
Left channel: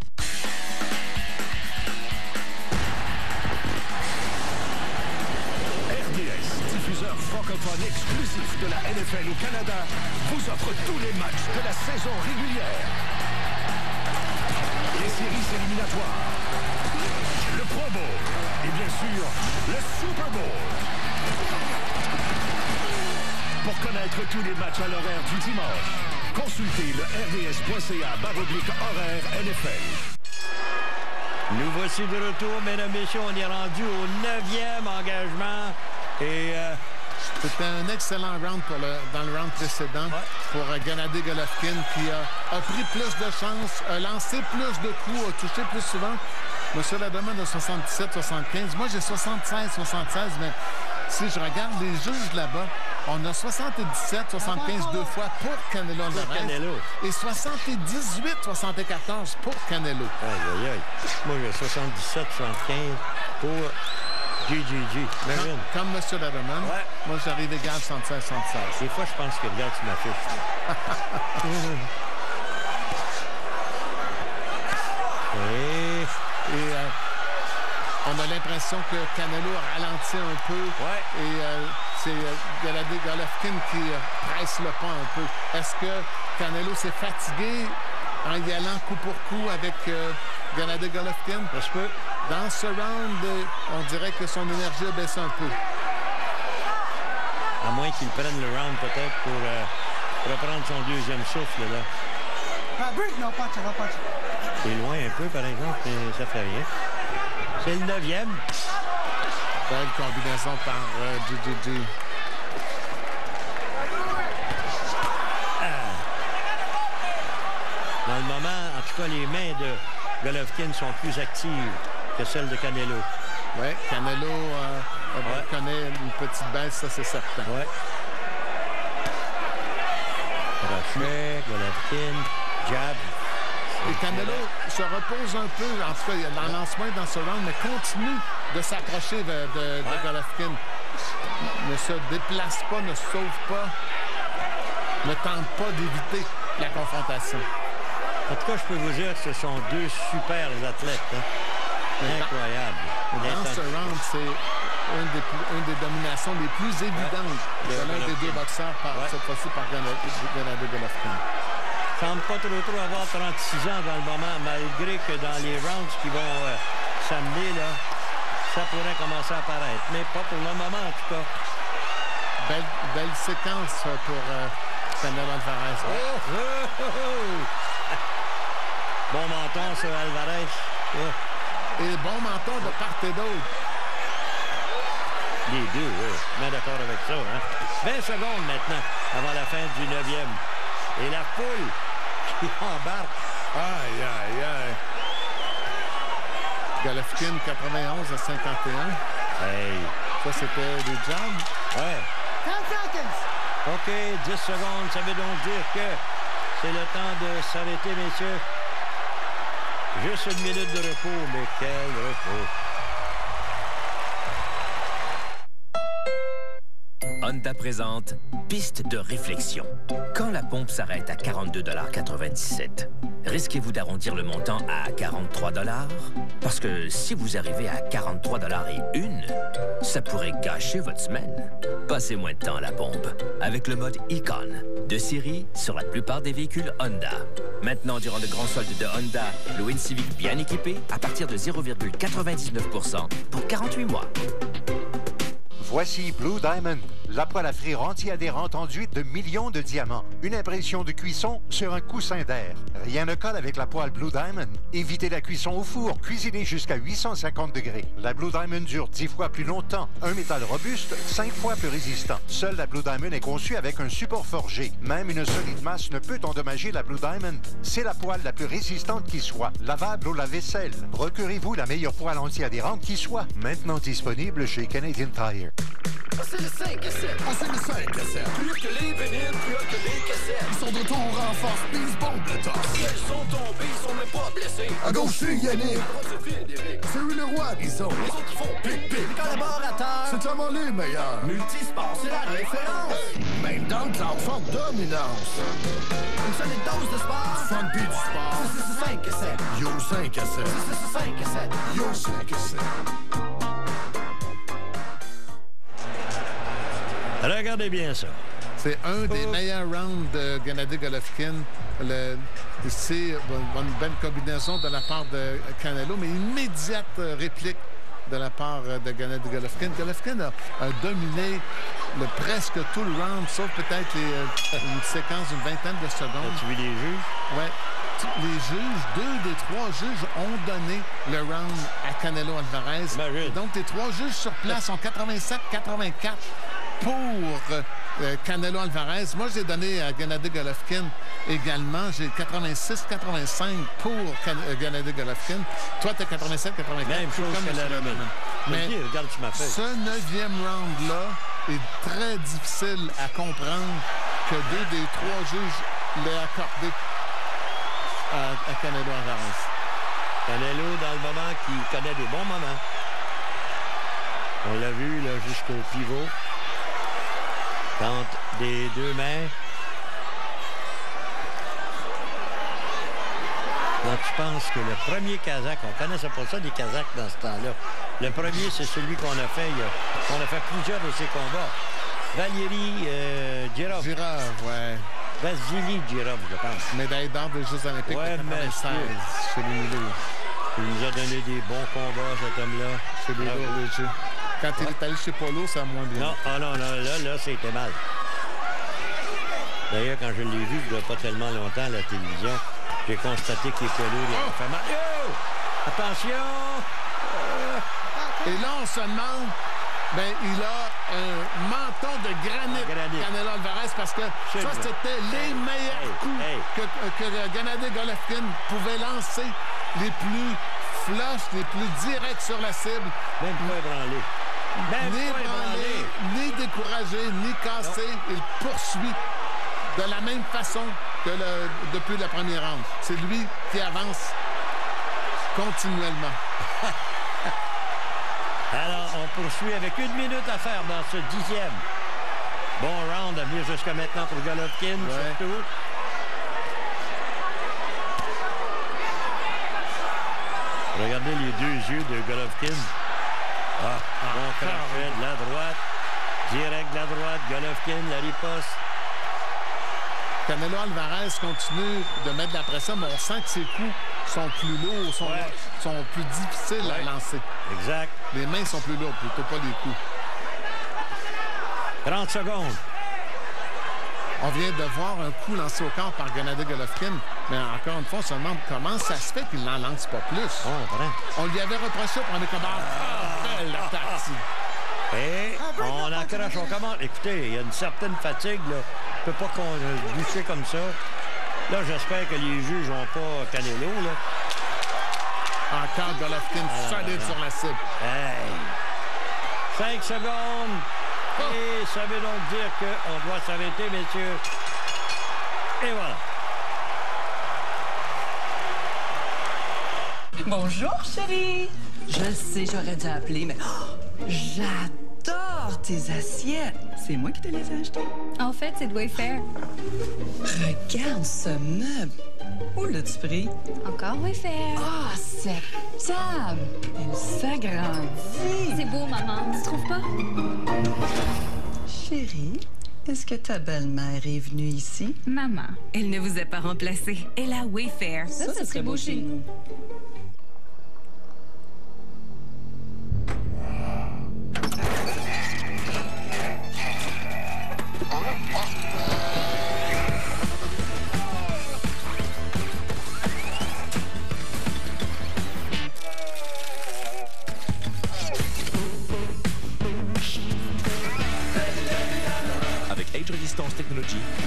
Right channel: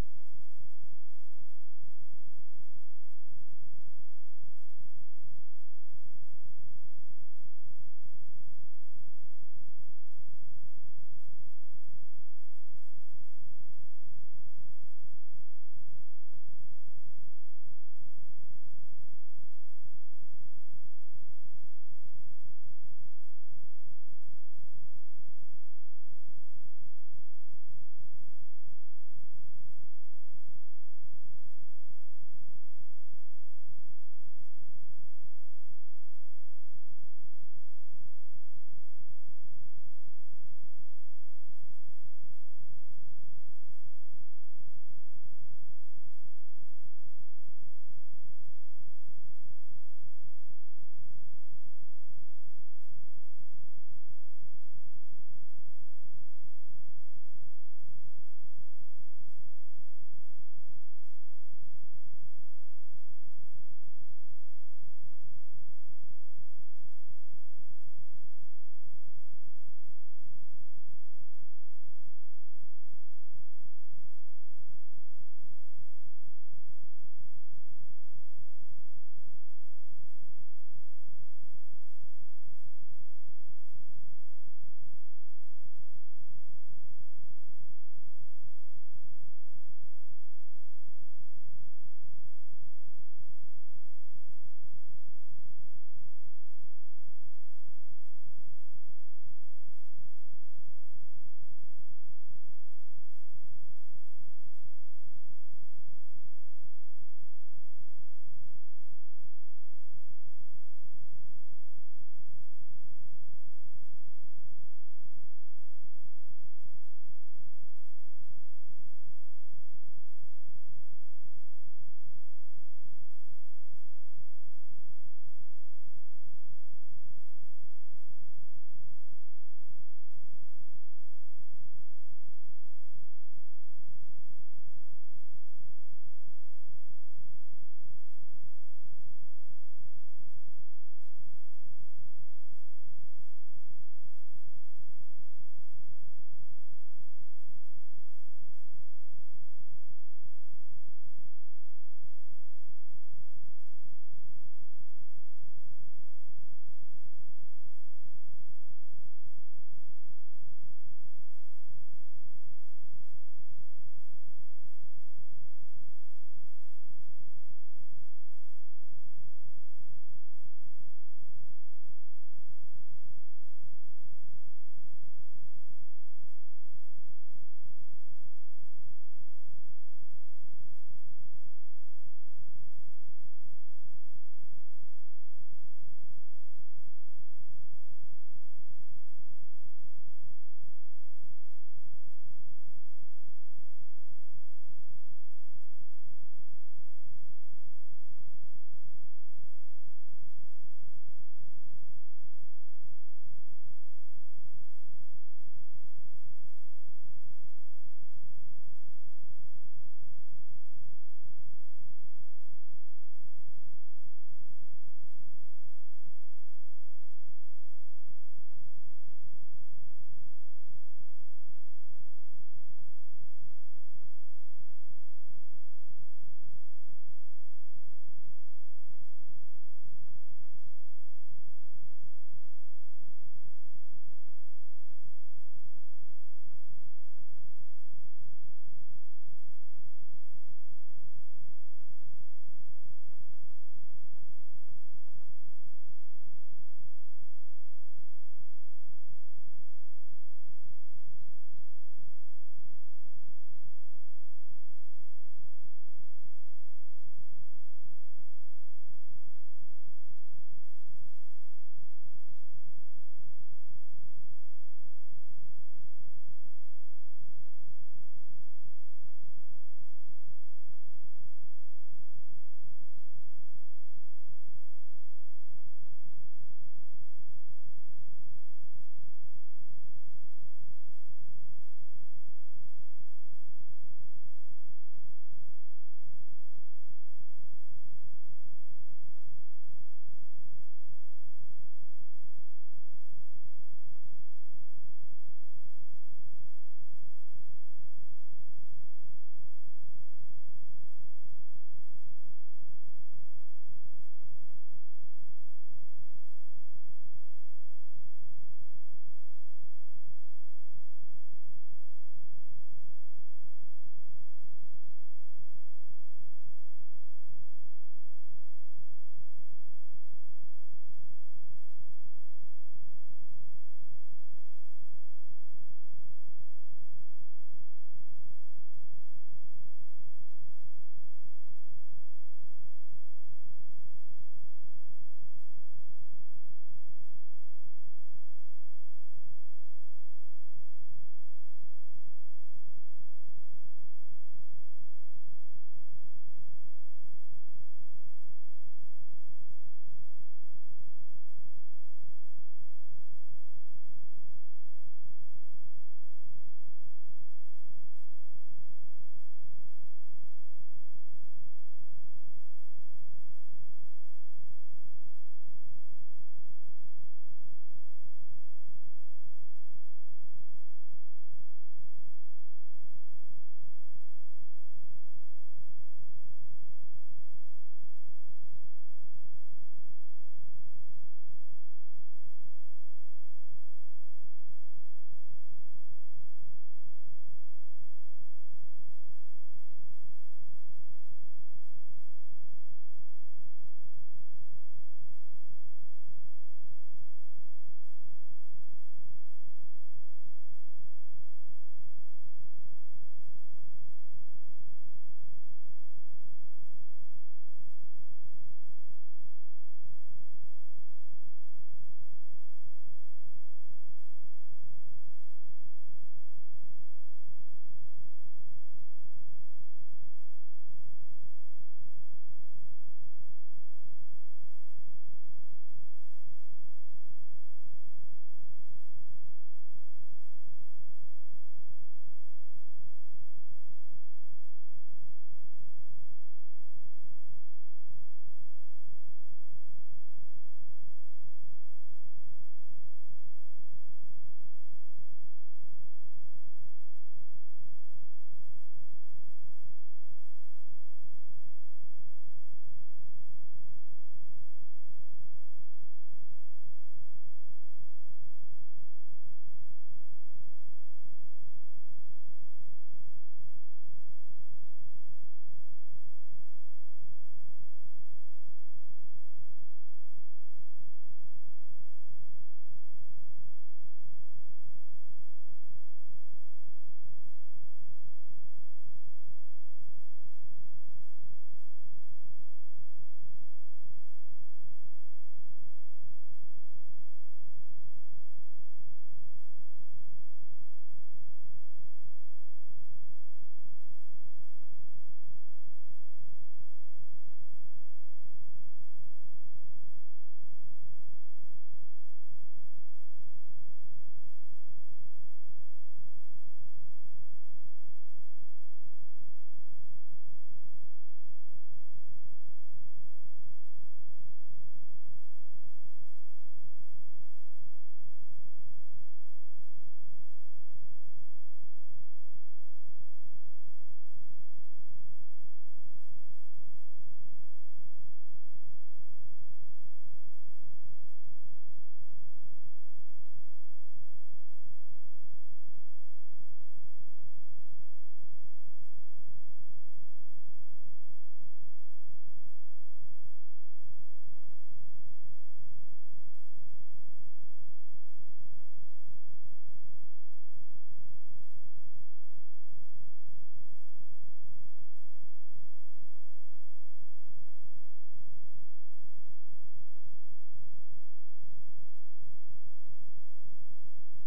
RDS, diffuseur francophone exclusif de la NFL au Canada, vous offre tous les matchs de la saison régulière. Les séries éliminatoires, le Pro Bowl et bien sûr, le Super Bowl. Pour connaître tous les matchs à l'horaire du dimanche, consultez le rds.ca/horaire NFL. Nous voici de retour, mesdames et messieurs. On est rendu au 9e engagement. Et c'était un excellent round dans le round précédent pour Gennady Golovkin qui a pris plus de chances, a lancé plus de coups, a touché plus souvent. Monsieur Lademan a 77-75. Moi, j'ai 76-76, mais si je regarde les juges là-bas, on a 77-75 deux fois pour Canelo Alvarez et 78-74 pour Canelo. Aïe, aïe, aïe. Moi, j'ai 77-75 pour GGG. Comme M. Lademan, moi, j'arrive égal 76-76. Des fois, je pense que, regarde, tu m'affiches. On a l'impression que Canelo a ralenti un peu. Et c'est Gennady Golovkin qui presse le pas un peu. Est-ce que Canelo s'est fatigué en y allant coup pour coup avec Gennady Golovkin? Parce que dans ce round, on dirait que son énergie a baissé un peu. À moins qu'il prenne le round peut-être pour reprendre son deuxième souffle, là. C'est loin un peu, par exemple, mais ça fait rien. C'est le 9e. Belle combinaison par GGG. Dans le moment, en tout cas, les mains de Golovkin sont plus actives que celles de Canelo. Oui, Canelo connaît une petite baisse, ça c'est certain. Oui. Crochet, Golovkin, jab. Et Canelo se repose un peu, en tout cas, il en lance moins dans ce round, mais continue de s'approcher de Golovkin. Ne se déplace pas, ne se sauve pas, ne tente pas d'éviter la confrontation. En tout cas, je peux vous dire que ce sont deux super athlètes. Hein? Incroyable. Dans ce round, c'est une des dominations les plus évidentes de l'un des deux boxeurs, cette fois-ci par Gennady Golovkin. Il ne semble pas trop avoir 36 ans dans le moment, malgré que dans les rounds qui vont s'amener, là, ça pourrait commencer à apparaître. Mais pas pour le moment, en tout cas. Belle séquence pour Canelo Alvarez. Bon menton sur Alvarez. Et bon menton de part et d'autre. Les deux, oui. Je suis d'accord avec ça. Hein? 20 secondes maintenant, avant la fin du 9e. Et la foule qui embarque. Aïe, aïe, aïe. Golovkin, 91 à 51. Hey. Ça, c'était des jabs. Ouais. 10 seconds. OK, 10 secondes. Ça veut donc dire que c'est le temps de s'arrêter, messieurs. Juste une minute de repos, mais quel repos. Honda présente Piste de réflexion. Quand la pompe s'arrête à 42,97 $, risquez-vous d'arrondir le montant à 43 $? Parce que si vous arrivez à 43,01 $, ça pourrait gâcher votre semaine. Passez moins de temps à la pompe avec le mode Icon, de série sur la plupart des véhicules Honda. Maintenant, durant le grand solde de Honda, le Win Civic bien équipé à partir de 0,99 % pour 48 mois. Voici Blue Diamond, la poêle à frire anti-adhérente enduite de millions de diamants. Une impression de cuisson sur un coussin d'air. Rien ne colle avec la poêle Blue Diamond. Évitez la cuisson au four, cuisinez jusqu'à 850 degrés. La Blue Diamond dure 10 fois plus longtemps. Un métal robuste, 5 fois plus résistant. Seule la Blue Diamond est conçue avec un support forgé. Même une solide masse ne peut endommager la Blue Diamond. C'est la poêle la plus résistante qui soit. Lavable au lave-vaisselle. Procurez-vous la meilleure poêle anti-adhérente qui soit. Maintenant disponible chez Canadian Tire. C'est le 5 et 7 cassette. Passez le 5 à 7. Plus que les vinyles, plus que les cassettes. Ils sont de retour en force, puis ils se bombent de torse. Ils sont tombés, ils sont même pas blessés. À gauche, c'est Yannick. C'est lui le roi des zones. Les autres font pic-pic. Les collaborateurs, c'est tellement les meilleurs. Multisport, c'est la référence. Même dans le cloud, forte dominance. Une solide dose de sport. Fun pis du sport. C'est 5 à 7. Yo 5 à 7. C'est 5 à 7. Yo 5 à 7. Regardez bien ça. C'est un des meilleurs rounds de Gennady Golovkin. C'est une belle combinaison de la part de Canelo, mais immédiate réplique de la part de Gennady Golovkin. Golovkin a dominé presque tout le round, sauf peut-être une séquence d'une vingtaine de secondes. As-tu vu les juges? Oui. Les juges, 2 des 3 juges ont donné le round à Canelo Alvarez. Donc, les 3 juges sur place sont 87-84 pour Canelo Alvarez. Moi, j'ai donné à Gennady Golovkin également. J'ai 86-85 pour Gennady Golovkin. Toi, tu as 87-84. Même chose que la Romaine. Mais regarde sur ma feuille. Ce 9e round-là est très difficile à comprendre que 2 des 3 juges l'aient accordé à Canelo Alvarez. Canelo, dans le moment qui connaît des bons moments. On l'a vu là jusqu'au pivot. Tente des 2 mains. Quand tu penses que le premier Kazakh, on connaissait pas ça des Kazakhs dans ce temps-là. Le premier, c'est celui qu'on a fait, on a fait plusieurs de ces combats. Valérie Girov. Girov, ouais. Vasily Girov, je pense. Médaille d'or des Jeux Olympiques de 96 chez les Milou. Il nous a donné des bons combats, cet homme-là. Chez les Lourdes. Quand il est allé chez Polo, ça a moins bien. Non, là, c'était mal. D'ailleurs, quand je l'ai vu, il n'y a pas tellement longtemps à la télévision, j'ai constaté qu'il est lourd, il a fait mal. Oh! Attention! Et là, on se demande, il a un menton de granit. Canelo Alvarez, parce que ça, c'était les meilleurs coups que Gennady Golovkin pouvait lancer, les plus flush, les plus directs sur la cible. Même pas ébranlé. Ni ébranlé, ni découragé, ni cassé. Il poursuit de la même façon que depuis le premier round. C'est lui qui avance continuellement. Alors, on poursuit avec 1 minute à faire dans ce 10e. Bon round à venir jusqu'à maintenant pour Golovkin, surtout. Regardez les 2 yeux de Golovkin. Bon crochet de la droite. Direct de la droite, Golovkin, la riposte. Canelo Alvarez continue de mettre de la pression, mais on sent que ses coups sont plus lourds, sont plus difficiles à lancer. Exact. Les mains sont plus lourdes, plutôt pas les coups. 30 secondes. On vient de voir un coup lancé au corps par Gennady Golovkin, mais encore une fois, on se demande comment ça se fait qu'il n'en lance pas plus. On lui avait reproché au premier combat. Belle attaque. Et on accroche, on commence. Écoutez, il y a une certaine fatigue, là. On ne peut pas lutter comme ça. Là, j'espère que les juges n'ont pas Canelo, là. Encore Golovkin solide sur la cible. 5 secondes. Et ça veut donc dire qu'on doit s'arrêter, messieurs. Et voilà. Bonjour, chérie. Je sais, j'aurais dû appeler, mais j'adore tes assiettes. C'est moi qui te les ai achetées. En fait, c'est de Wayfair. Regarde ce meuble. Où l'as-tu pris? Encore Wayfair. Ah, cette table. Elle s'agrandit. C'est beau, maman. Tu trouves pas? Chérie, est-ce que ta belle-mère est venue ici? Maman, elle ne vous a pas remplacé. Elle a Wayfair. Ça serait beau chez nous.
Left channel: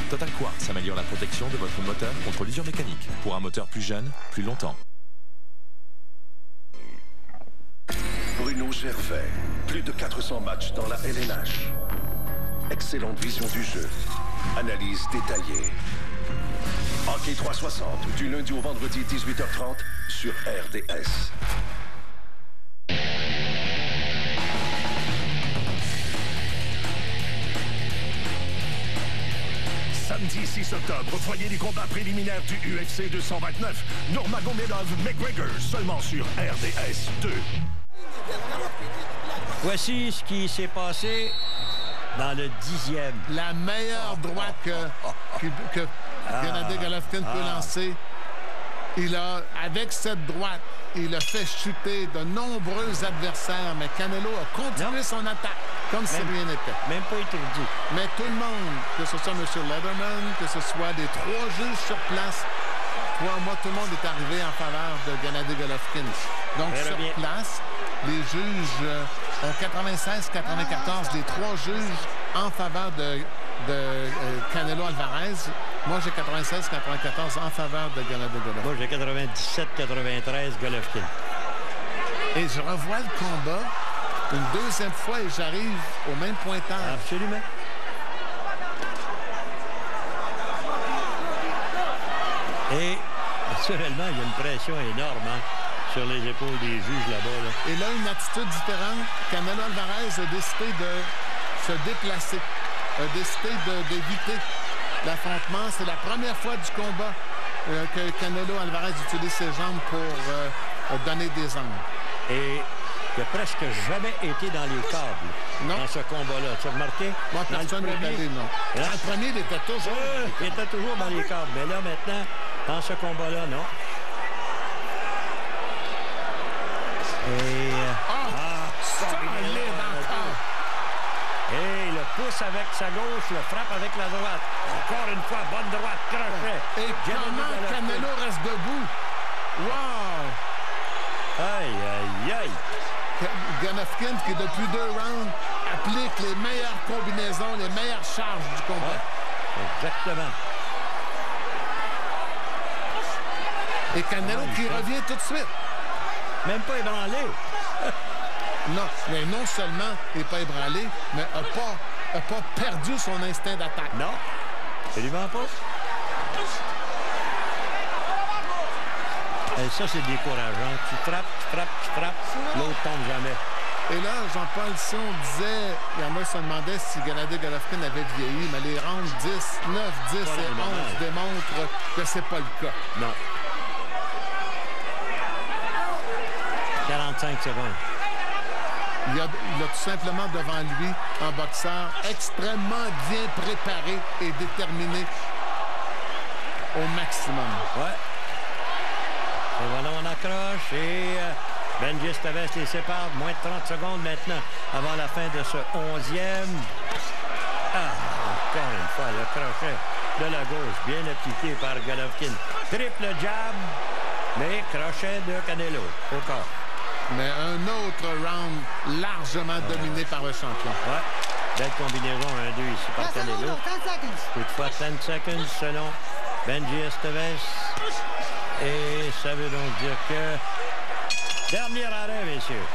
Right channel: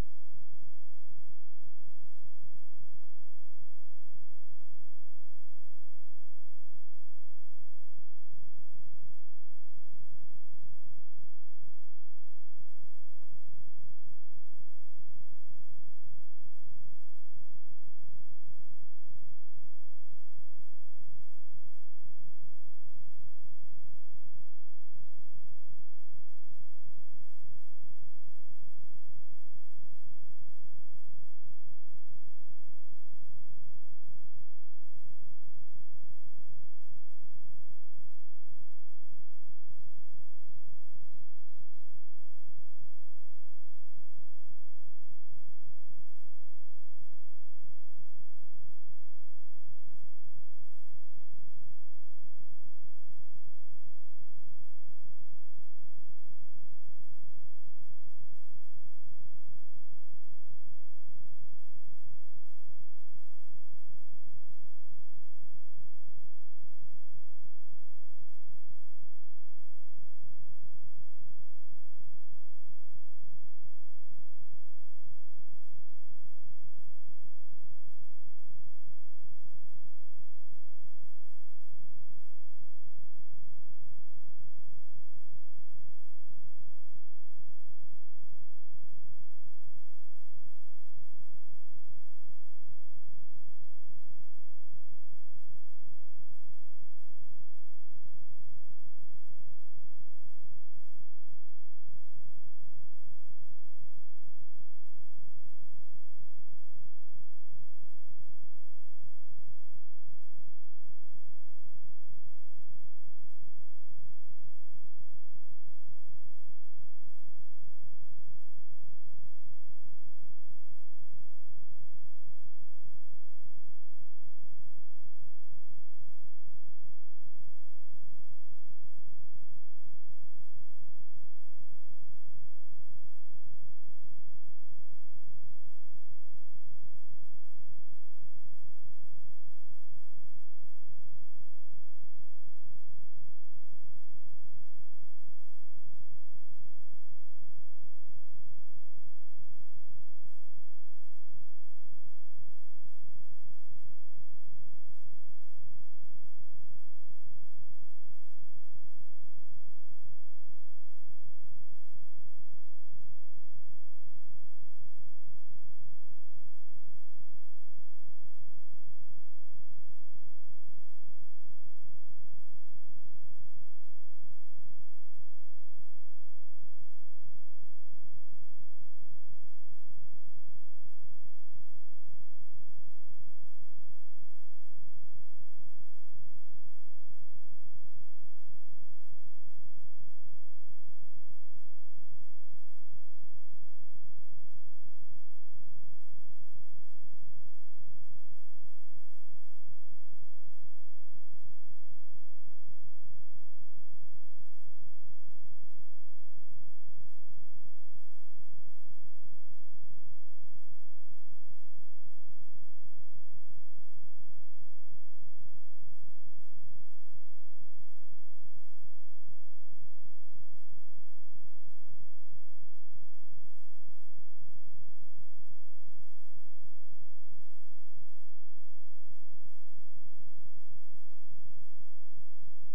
Total Quartz améliore la protection de votre moteur contre l'usure mécanique pour un moteur plus jeune, plus longtemps. Bruno Gervais, plus de 400 matchs dans la LNH. excellente vision du jeu, analyse détaillée. Hockey 360, du lundi au vendredi 18h30 sur RDS. Samedi 6 octobre, foyer des combats préliminaires du UFC 229, Nurmagomedov-McGregor, seulement sur RDS 2. Voici ce qui s'est passé dans le 10e. La meilleure droite que Gennady Golovkin peut lancer. Avec cette droite, il a fait chuter de nombreux adversaires, mais Canelo a continué son attaque comme si rien n'était. Même pas étourdi. Mais tout le monde, que ce soit M. Lederman, que ce soit les 3 juges sur place, moi, tout le monde est arrivé en faveur de Gennady Golovkin. Donc, sur place, les juges ont 96-94, les 3 juges en faveur de Canelo Alvarez. Moi, j'ai 96-94 en faveur de Gennady Golovkin. Moi, j'ai 97-93 Golovkin. Et je revois le combat une deuxième fois et j'arrive au même pointage. Absolument. Et naturellement, il y a une pression énorme sur les épaules des juges là-bas. Là. Et là, une attitude différente. Canelo Alvarez a décidé de se déplacer, a décidé d'éviter l'affrontement. C'est la première fois du combat que Canelo Alvarez utilise ses jambes pour donner des angles. Et il n'a presque jamais été dans les câbles dans ce combat-là. Tu as remarqué? Moi, personne n'est allé, non. Dans le premier, il était toujours... il était toujours dans les câbles. Mais là, maintenant, dans ce combat-là, non. Et... solide encore. Et le pouce avec sa gauche, le frappe avec la droite. Encore une fois, bonne droite, crochet. Et comment Canelo reste debout? Wow! Aïe, aïe, aïe. Golovkin, qui depuis 2 rounds, applique les meilleures combinaisons, les meilleures charges du combat. Ouais, exactement. Et Canelo qui revient tout de suite. Même pas ébranlé. Non, mais non seulement il n'est pas ébranlé, mais n'a pas perdu son instinct d'attaque. Non, absolument pas. Et ça, c'est décourageant. Tu frappes, l'autre tombe jamais. Et là, Jean-Paul Sion disait, il y en a qui se demandaient si Gennady Golovkin avait vieilli, mais les rounds 10, 9, 10 et 11 démontrent que c'est pas le cas. Non. 45 secondes. Il a tout simplement devant lui un boxeur extrêmement bien préparé et déterminé au maximum. Ouais. Et voilà, on accroche et Benji Esteves les sépare. Moins de 30 secondes maintenant avant la fin de ce 11e. Encore une fois, le crochet de la gauche, bien appliqué par Golovkin. Triple jab, mais crochet de Canelo au corps. Mais un autre round largement dominé par le champion. Ouais. Belle combinaison 1-2 ici par Canelo. Toutefois, 10 secondes selon Benji Esteves. Et ça veut donc dire que... Dernier arrêt, messieurs.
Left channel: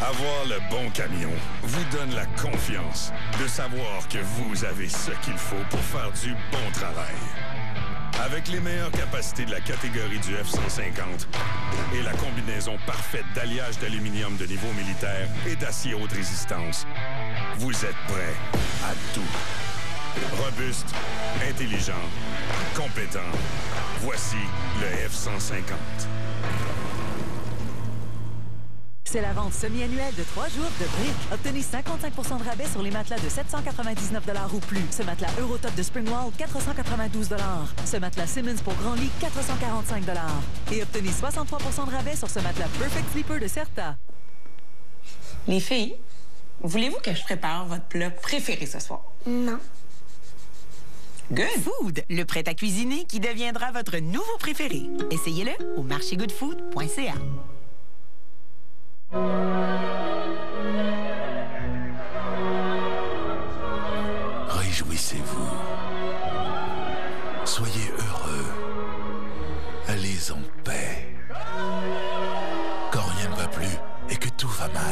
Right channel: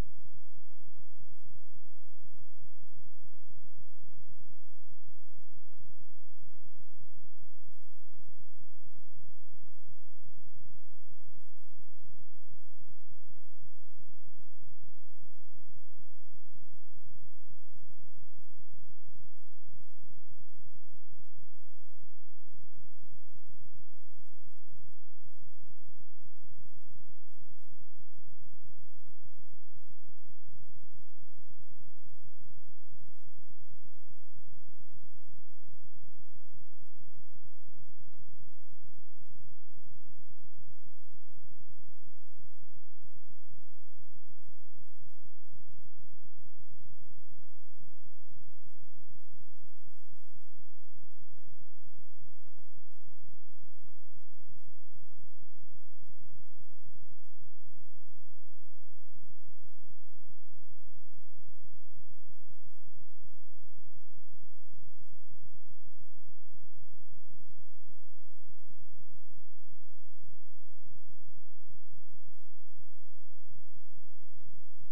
Avoir le bon camion vous donne la confiance de savoir que vous avez ce qu'il faut pour faire du bon travail. Avec les meilleures capacités de la catégorie du F-150 et la combinaison parfaite d'alliage d'aluminium de niveau militaire et d'acier haute résistance, vous êtes prêts à tout. Robuste, intelligent, compétent. Voici le F-150. C'est la vente semi-annuelle de 3 jours de Brick. Obtenez 55% de rabais sur les matelas de 799 $ ou plus. Ce matelas Eurotop de Springwall, 492 $. Ce matelas Simmons pour grand lit, 445 $. Et obtenez 63% de rabais sur ce matelas Perfect Sleeper de Certa. Les filles, voulez-vous que je prépare votre plat préféré ce soir? Non. Good Food, le prêt à cuisiner qui deviendra votre nouveau préféré. Essayez-le au marchégoodfood.ca. Réjouissez-vous. Soyez heureux. Allez en paix. Quand rien ne va plus et que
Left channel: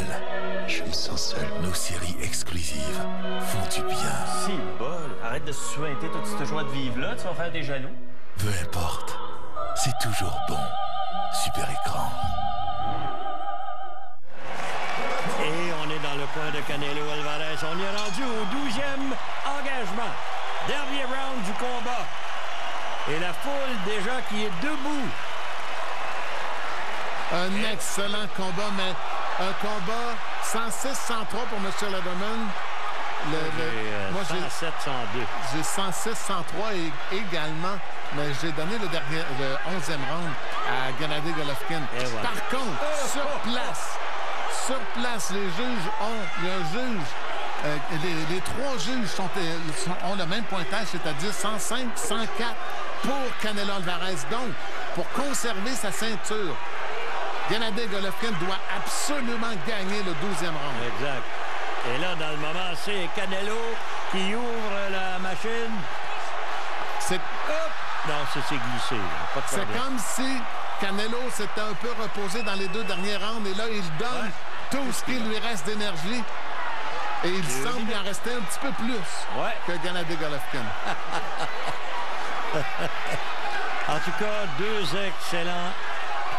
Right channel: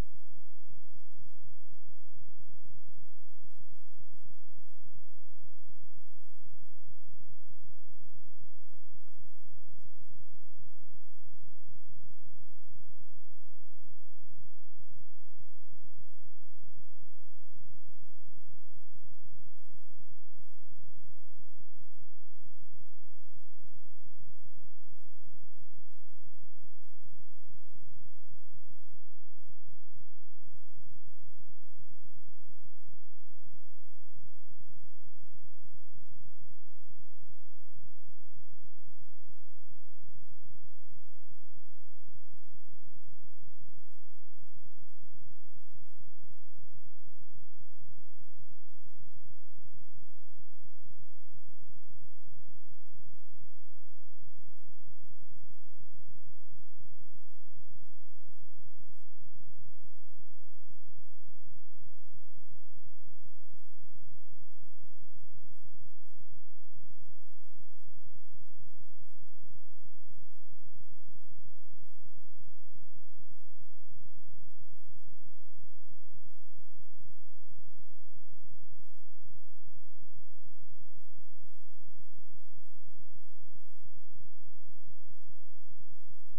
mal. Je me sens seul. Nos séries exclusives font du bien. Si, bol, arrête de se suinter toute cette joie de vivre-là, tu vas faire des jaloux. Peu importe, c'est toujours bon. Super écran. Et on est dans le coin de Canelo Alvarez. On est rendu au 12e engagement. Dernier round du combat. Et la foule déjà qui est debout. Un excellent combat, mais un combat 106-103 pour M. Lederman. Moi, j'ai 107-102. J'ai 106-103 également, mais j'ai donné le 11e round à Gennady Golovkin. Voilà. Par contre, sur place, les juges il y a un juge, les trois juges ont le même pointage, c'est-à-dire 105, 104 pour Canelo Alvarez. Donc, pour conserver sa ceinture, Gennady Golovkin doit absolument gagner le 12e round. Exact. Et là, dans le moment, c'est Canelo qui ouvre la machine. C'est... Non, c'est glissé. C'est comme si Canelo s'était un peu reposé dans les 2 derniers rounds. Et là, il donne tout ce qu'il lui reste d'énergie. Et il semble y en rester un petit peu plus que Gennady Golovkin. En tout cas, 2 excellents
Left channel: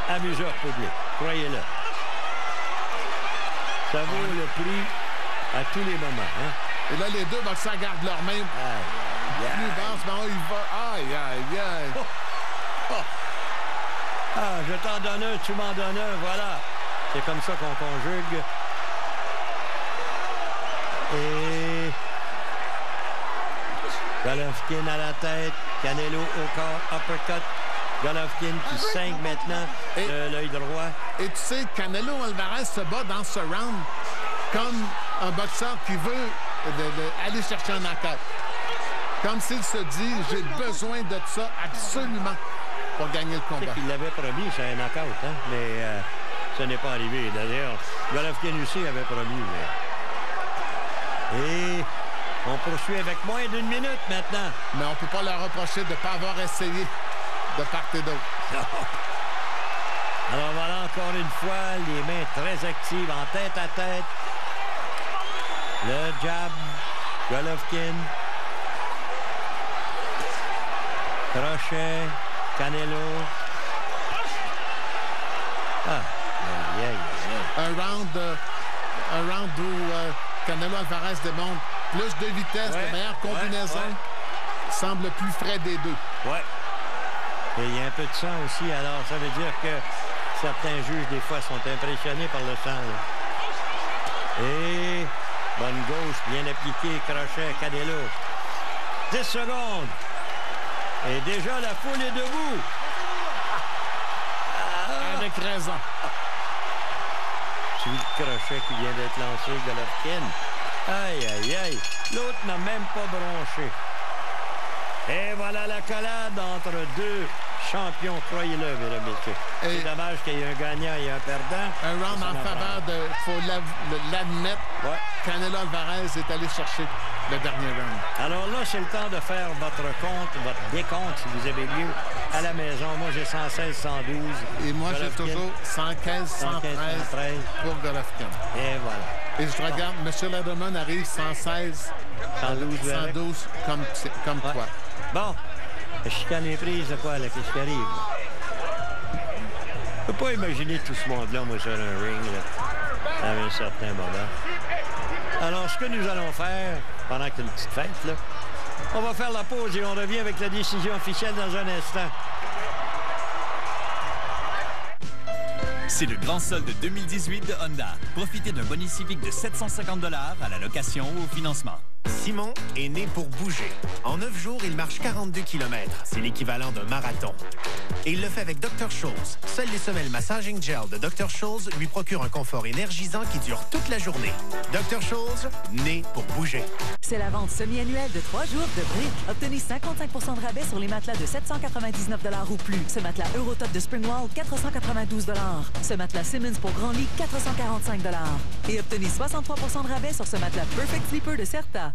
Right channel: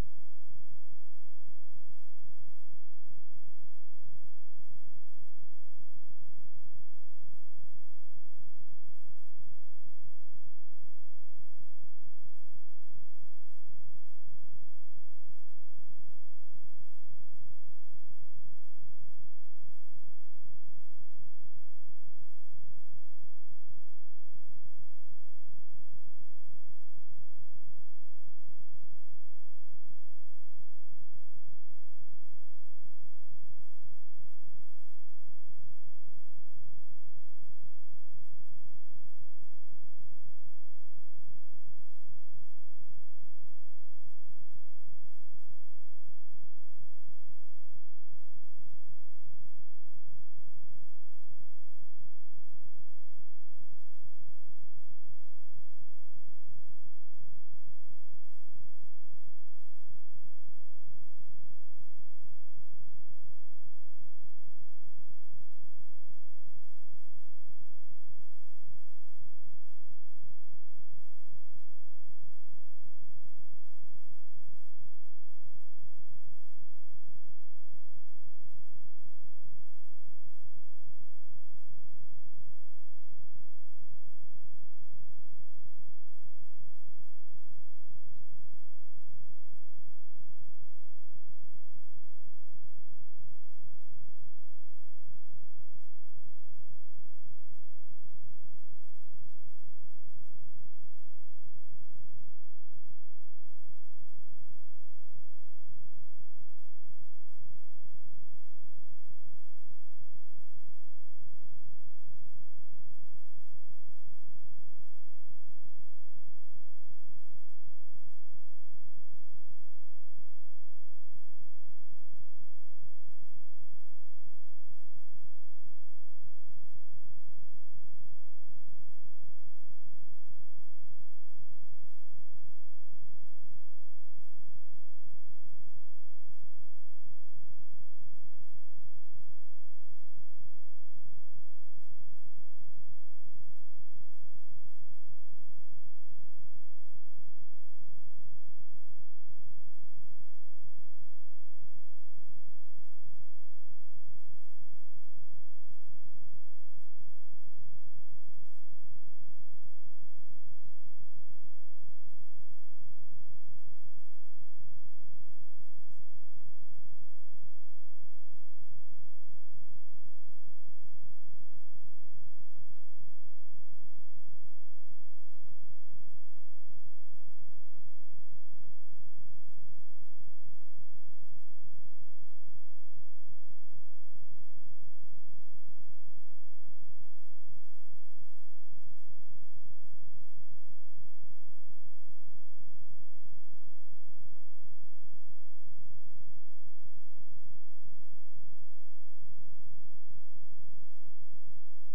amuseurs publics. Croyez-le. Ça vaut le prix à tous les moments. Hein? Et là, les deux boxeurs gardent leurs mains plus basses. Mais il va... Aïe, aïe, aïe. Ah, je t'en donne un, tu m'en donnes un. Voilà. C'est comme ça qu'on conjugue. Et... Golovkin à la tête. Canelo au corps. Uppercut. Golovkin qui saigne maintenant de l'œil droit. Et tu sais, Canelo Alvarez se bat dans ce round comme un boxeur qui veut aller chercher un knockout. Comme s'il se dit, j'ai besoin de ça absolument pour gagner le combat. Il l'avait promis, c'est un knockout, hein? Mais ce n'est pas arrivé. D'ailleurs, Golovkin aussi avait promis. Mais... Et on poursuit avec moins d'1 minute maintenant. Mais on ne peut pas leur reprocher de ne pas avoir essayé de part et d'autre. Alors voilà encore une fois, les mains très actives en tête à tête. Le jab, Golovkin. Crochet, Canelo. Un round où Canelo Alvarez démontre plus de vitesse, de meilleure combinaison. Semble plus frais des deux. Et il y a un peu de sang aussi, alors ça veut dire que certains juges, des fois, sont impressionnés par le sang. Là. Et bonne gauche, bien appliquée, crochet, Canelo. 10 secondes. Et déjà, la foule est debout. Avec raison. Suivi le crochet qui vient d'être lancé, Golovkin. Aïe, aïe, aïe. L'autre n'a même pas bronché. Et voilà la collade entre deux champions, croyez-le, mesdames et messieurs. C'est dommage qu'il y ait un gagnant et un perdant. Un round en faveur de, il faut l'admettre, Canelo Alvarez est allé chercher le dernier round. Alors là, c'est le temps de faire votre compte, votre décompte, si vous avez lieu, à la maison. Moi, j'ai 116, 112. Et moi, j'ai toujours 115, 113 pour Golovkin. Et voilà. Et je regarde, M. Lederman arrive 116, 112 comme toi. Bon, la chicane est prise de quoi, là, qu'est-ce qui arrive? Je peux pas imaginer tout ce monde-là, moi, sur un ring, là, à un certain moment. Alors, ce que nous allons faire, pendant que c'est une petite fête, là, on va faire la pause et on revient avec la décision officielle dans un instant. C'est le grand solde 2018 de Honda. Profitez d'un bonus civique de 750 $ à la location ou au financement. Simon est né pour bouger. En 9 jours, il marche 42 km. C'est l'équivalent d'un marathon. Et il le fait avec Dr. Scholl's. Seules les semelles Massaging Gel de Dr. Scholl's lui procurent un confort énergisant qui dure toute la journée. Dr. Scholl's, né pour bouger. C'est la vente semi-annuelle de 3 jours de Brick. Obtenez 55 % de rabais sur les matelas de 799 $ ou plus. Ce matelas Eurotop de Springwall, 492 $. Ce matelas Simmons pour grand lit, 445 $. Et obtenez 63 % de rabais sur ce matelas Perfect Sleeper de Certa.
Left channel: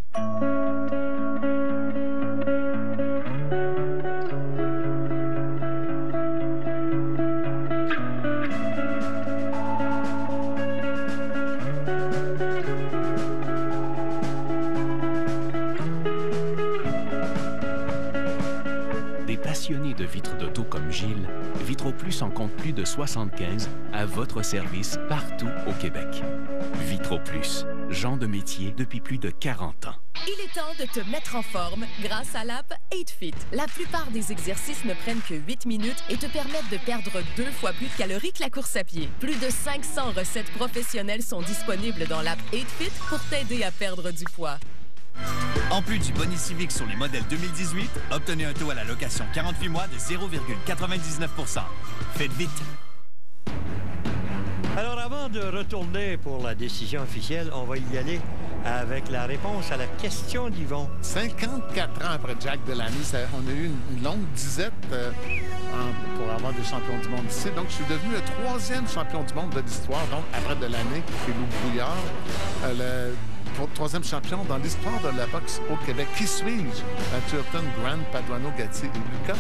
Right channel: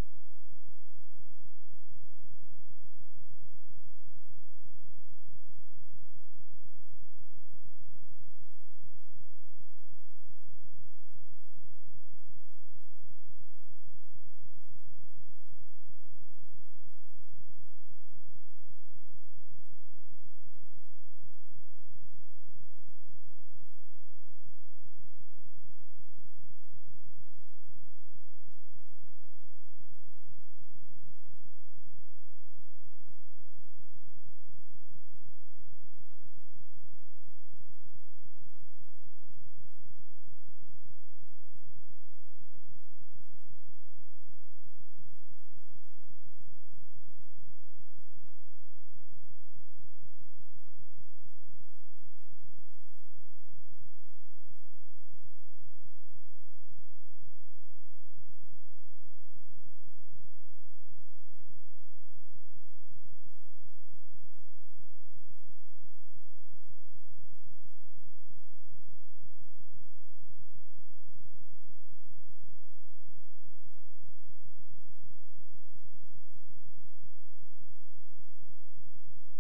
comme Gilles, Vitro-Plus en compte plus de 75 à votre service partout au Québec. Vitro-Plus, genre de métier depuis plus de 40 ans. Il est temps de te mettre en forme grâce à l'app 8Fit. La plupart des exercices ne prennent que 8 minutes et te permettent de perdre 2 fois plus de calories que la course à pied. Plus de 500 recettes professionnelles sont disponibles dans l'app 8Fit pour t'aider à perdre du poids. En plus du bonus civique sur les modèles 2018, obtenez un taux à la location 48 mois de 0,99%. Faites vite! Alors, avant de retourner pour la décision officielle, on va y aller avec la réponse à la question d'Yvon. 54 ans après Jack Delaney, on a eu une longue disette pour avoir des champions du monde ici. Donc, je suis devenu le 3e champion du monde de l'histoire, donc après Delaney et Lou Brouillard. Le 3e champion dans l'histoire de la boxe au Québec. Qui suis-je? Matthew Hilton, Grant, Paduano, Gatti et Lucas.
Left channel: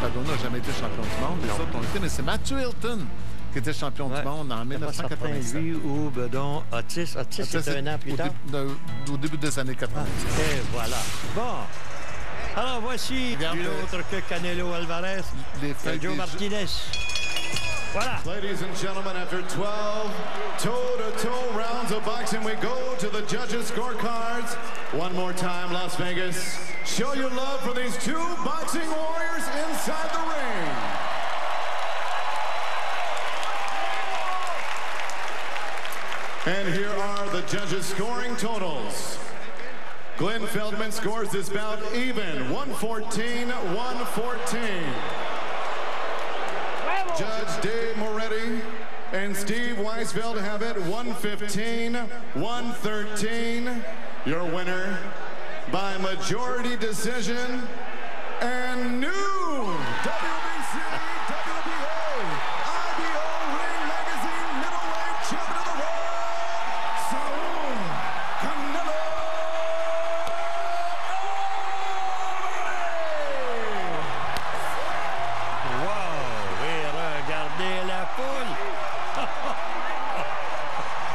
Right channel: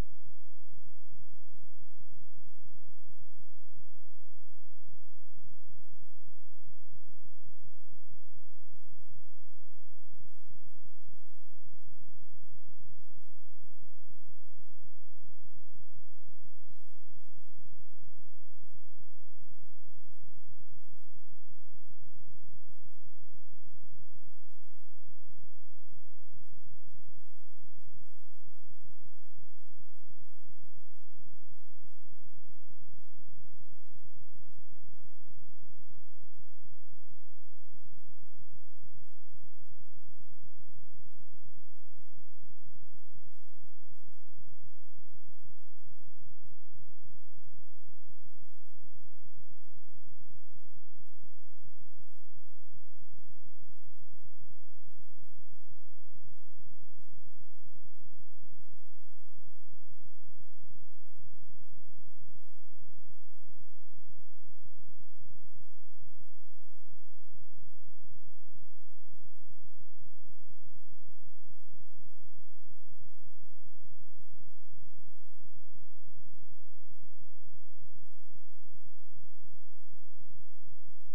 Paduano n'a jamais été champion du monde. Les autres ont été, mais c'est Matthew Hilton qui était champion du monde en 1987. Lui ou Bedon, Otis. Otis, c'était un an plus tard. Au début des années 80. Et voilà. Bon. Alors, voici une autre que Canelo Alvarez. Joe Martinez. Voilà. Ladies and gentlemen, after 12 toe-to-toe rounds of boxing, we go to the judges' scorecards. One more time, Las Vegas. Show your love for these two boxing warriors inside the ring. And here are the judges' scoring totals. Glenn Feldman scores this bout even, 114-114. Judge Dave Moretti and Steve Weisfeld have it 115-113. Your winner by majority decision and new WBC, WBA, IBO Ring Magazine middleweight champion of the world, Saul Canelo.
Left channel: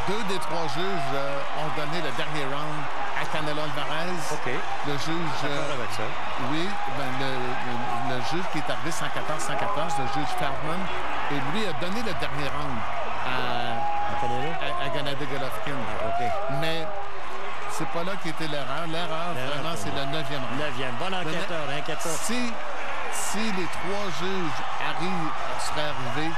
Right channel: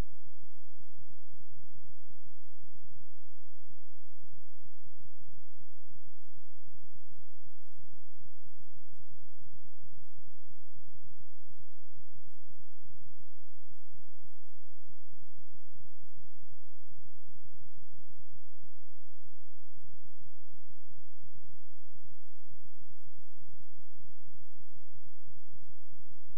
Deux des trois juges ont donné le dernier round à Canelo Alvarez. OK. Le juge... avec ça. Oui, le juge qui est arrivé 114-114, le juge Feldman, et lui a donné le dernier round à Gennady Golovkin. OK. Mais c'est pas là qu'était l'erreur. L'erreur, vraiment, c'est le 9e round. 9e. Bon enquêteur, enquêteur. Si les trois juges seraient arrivés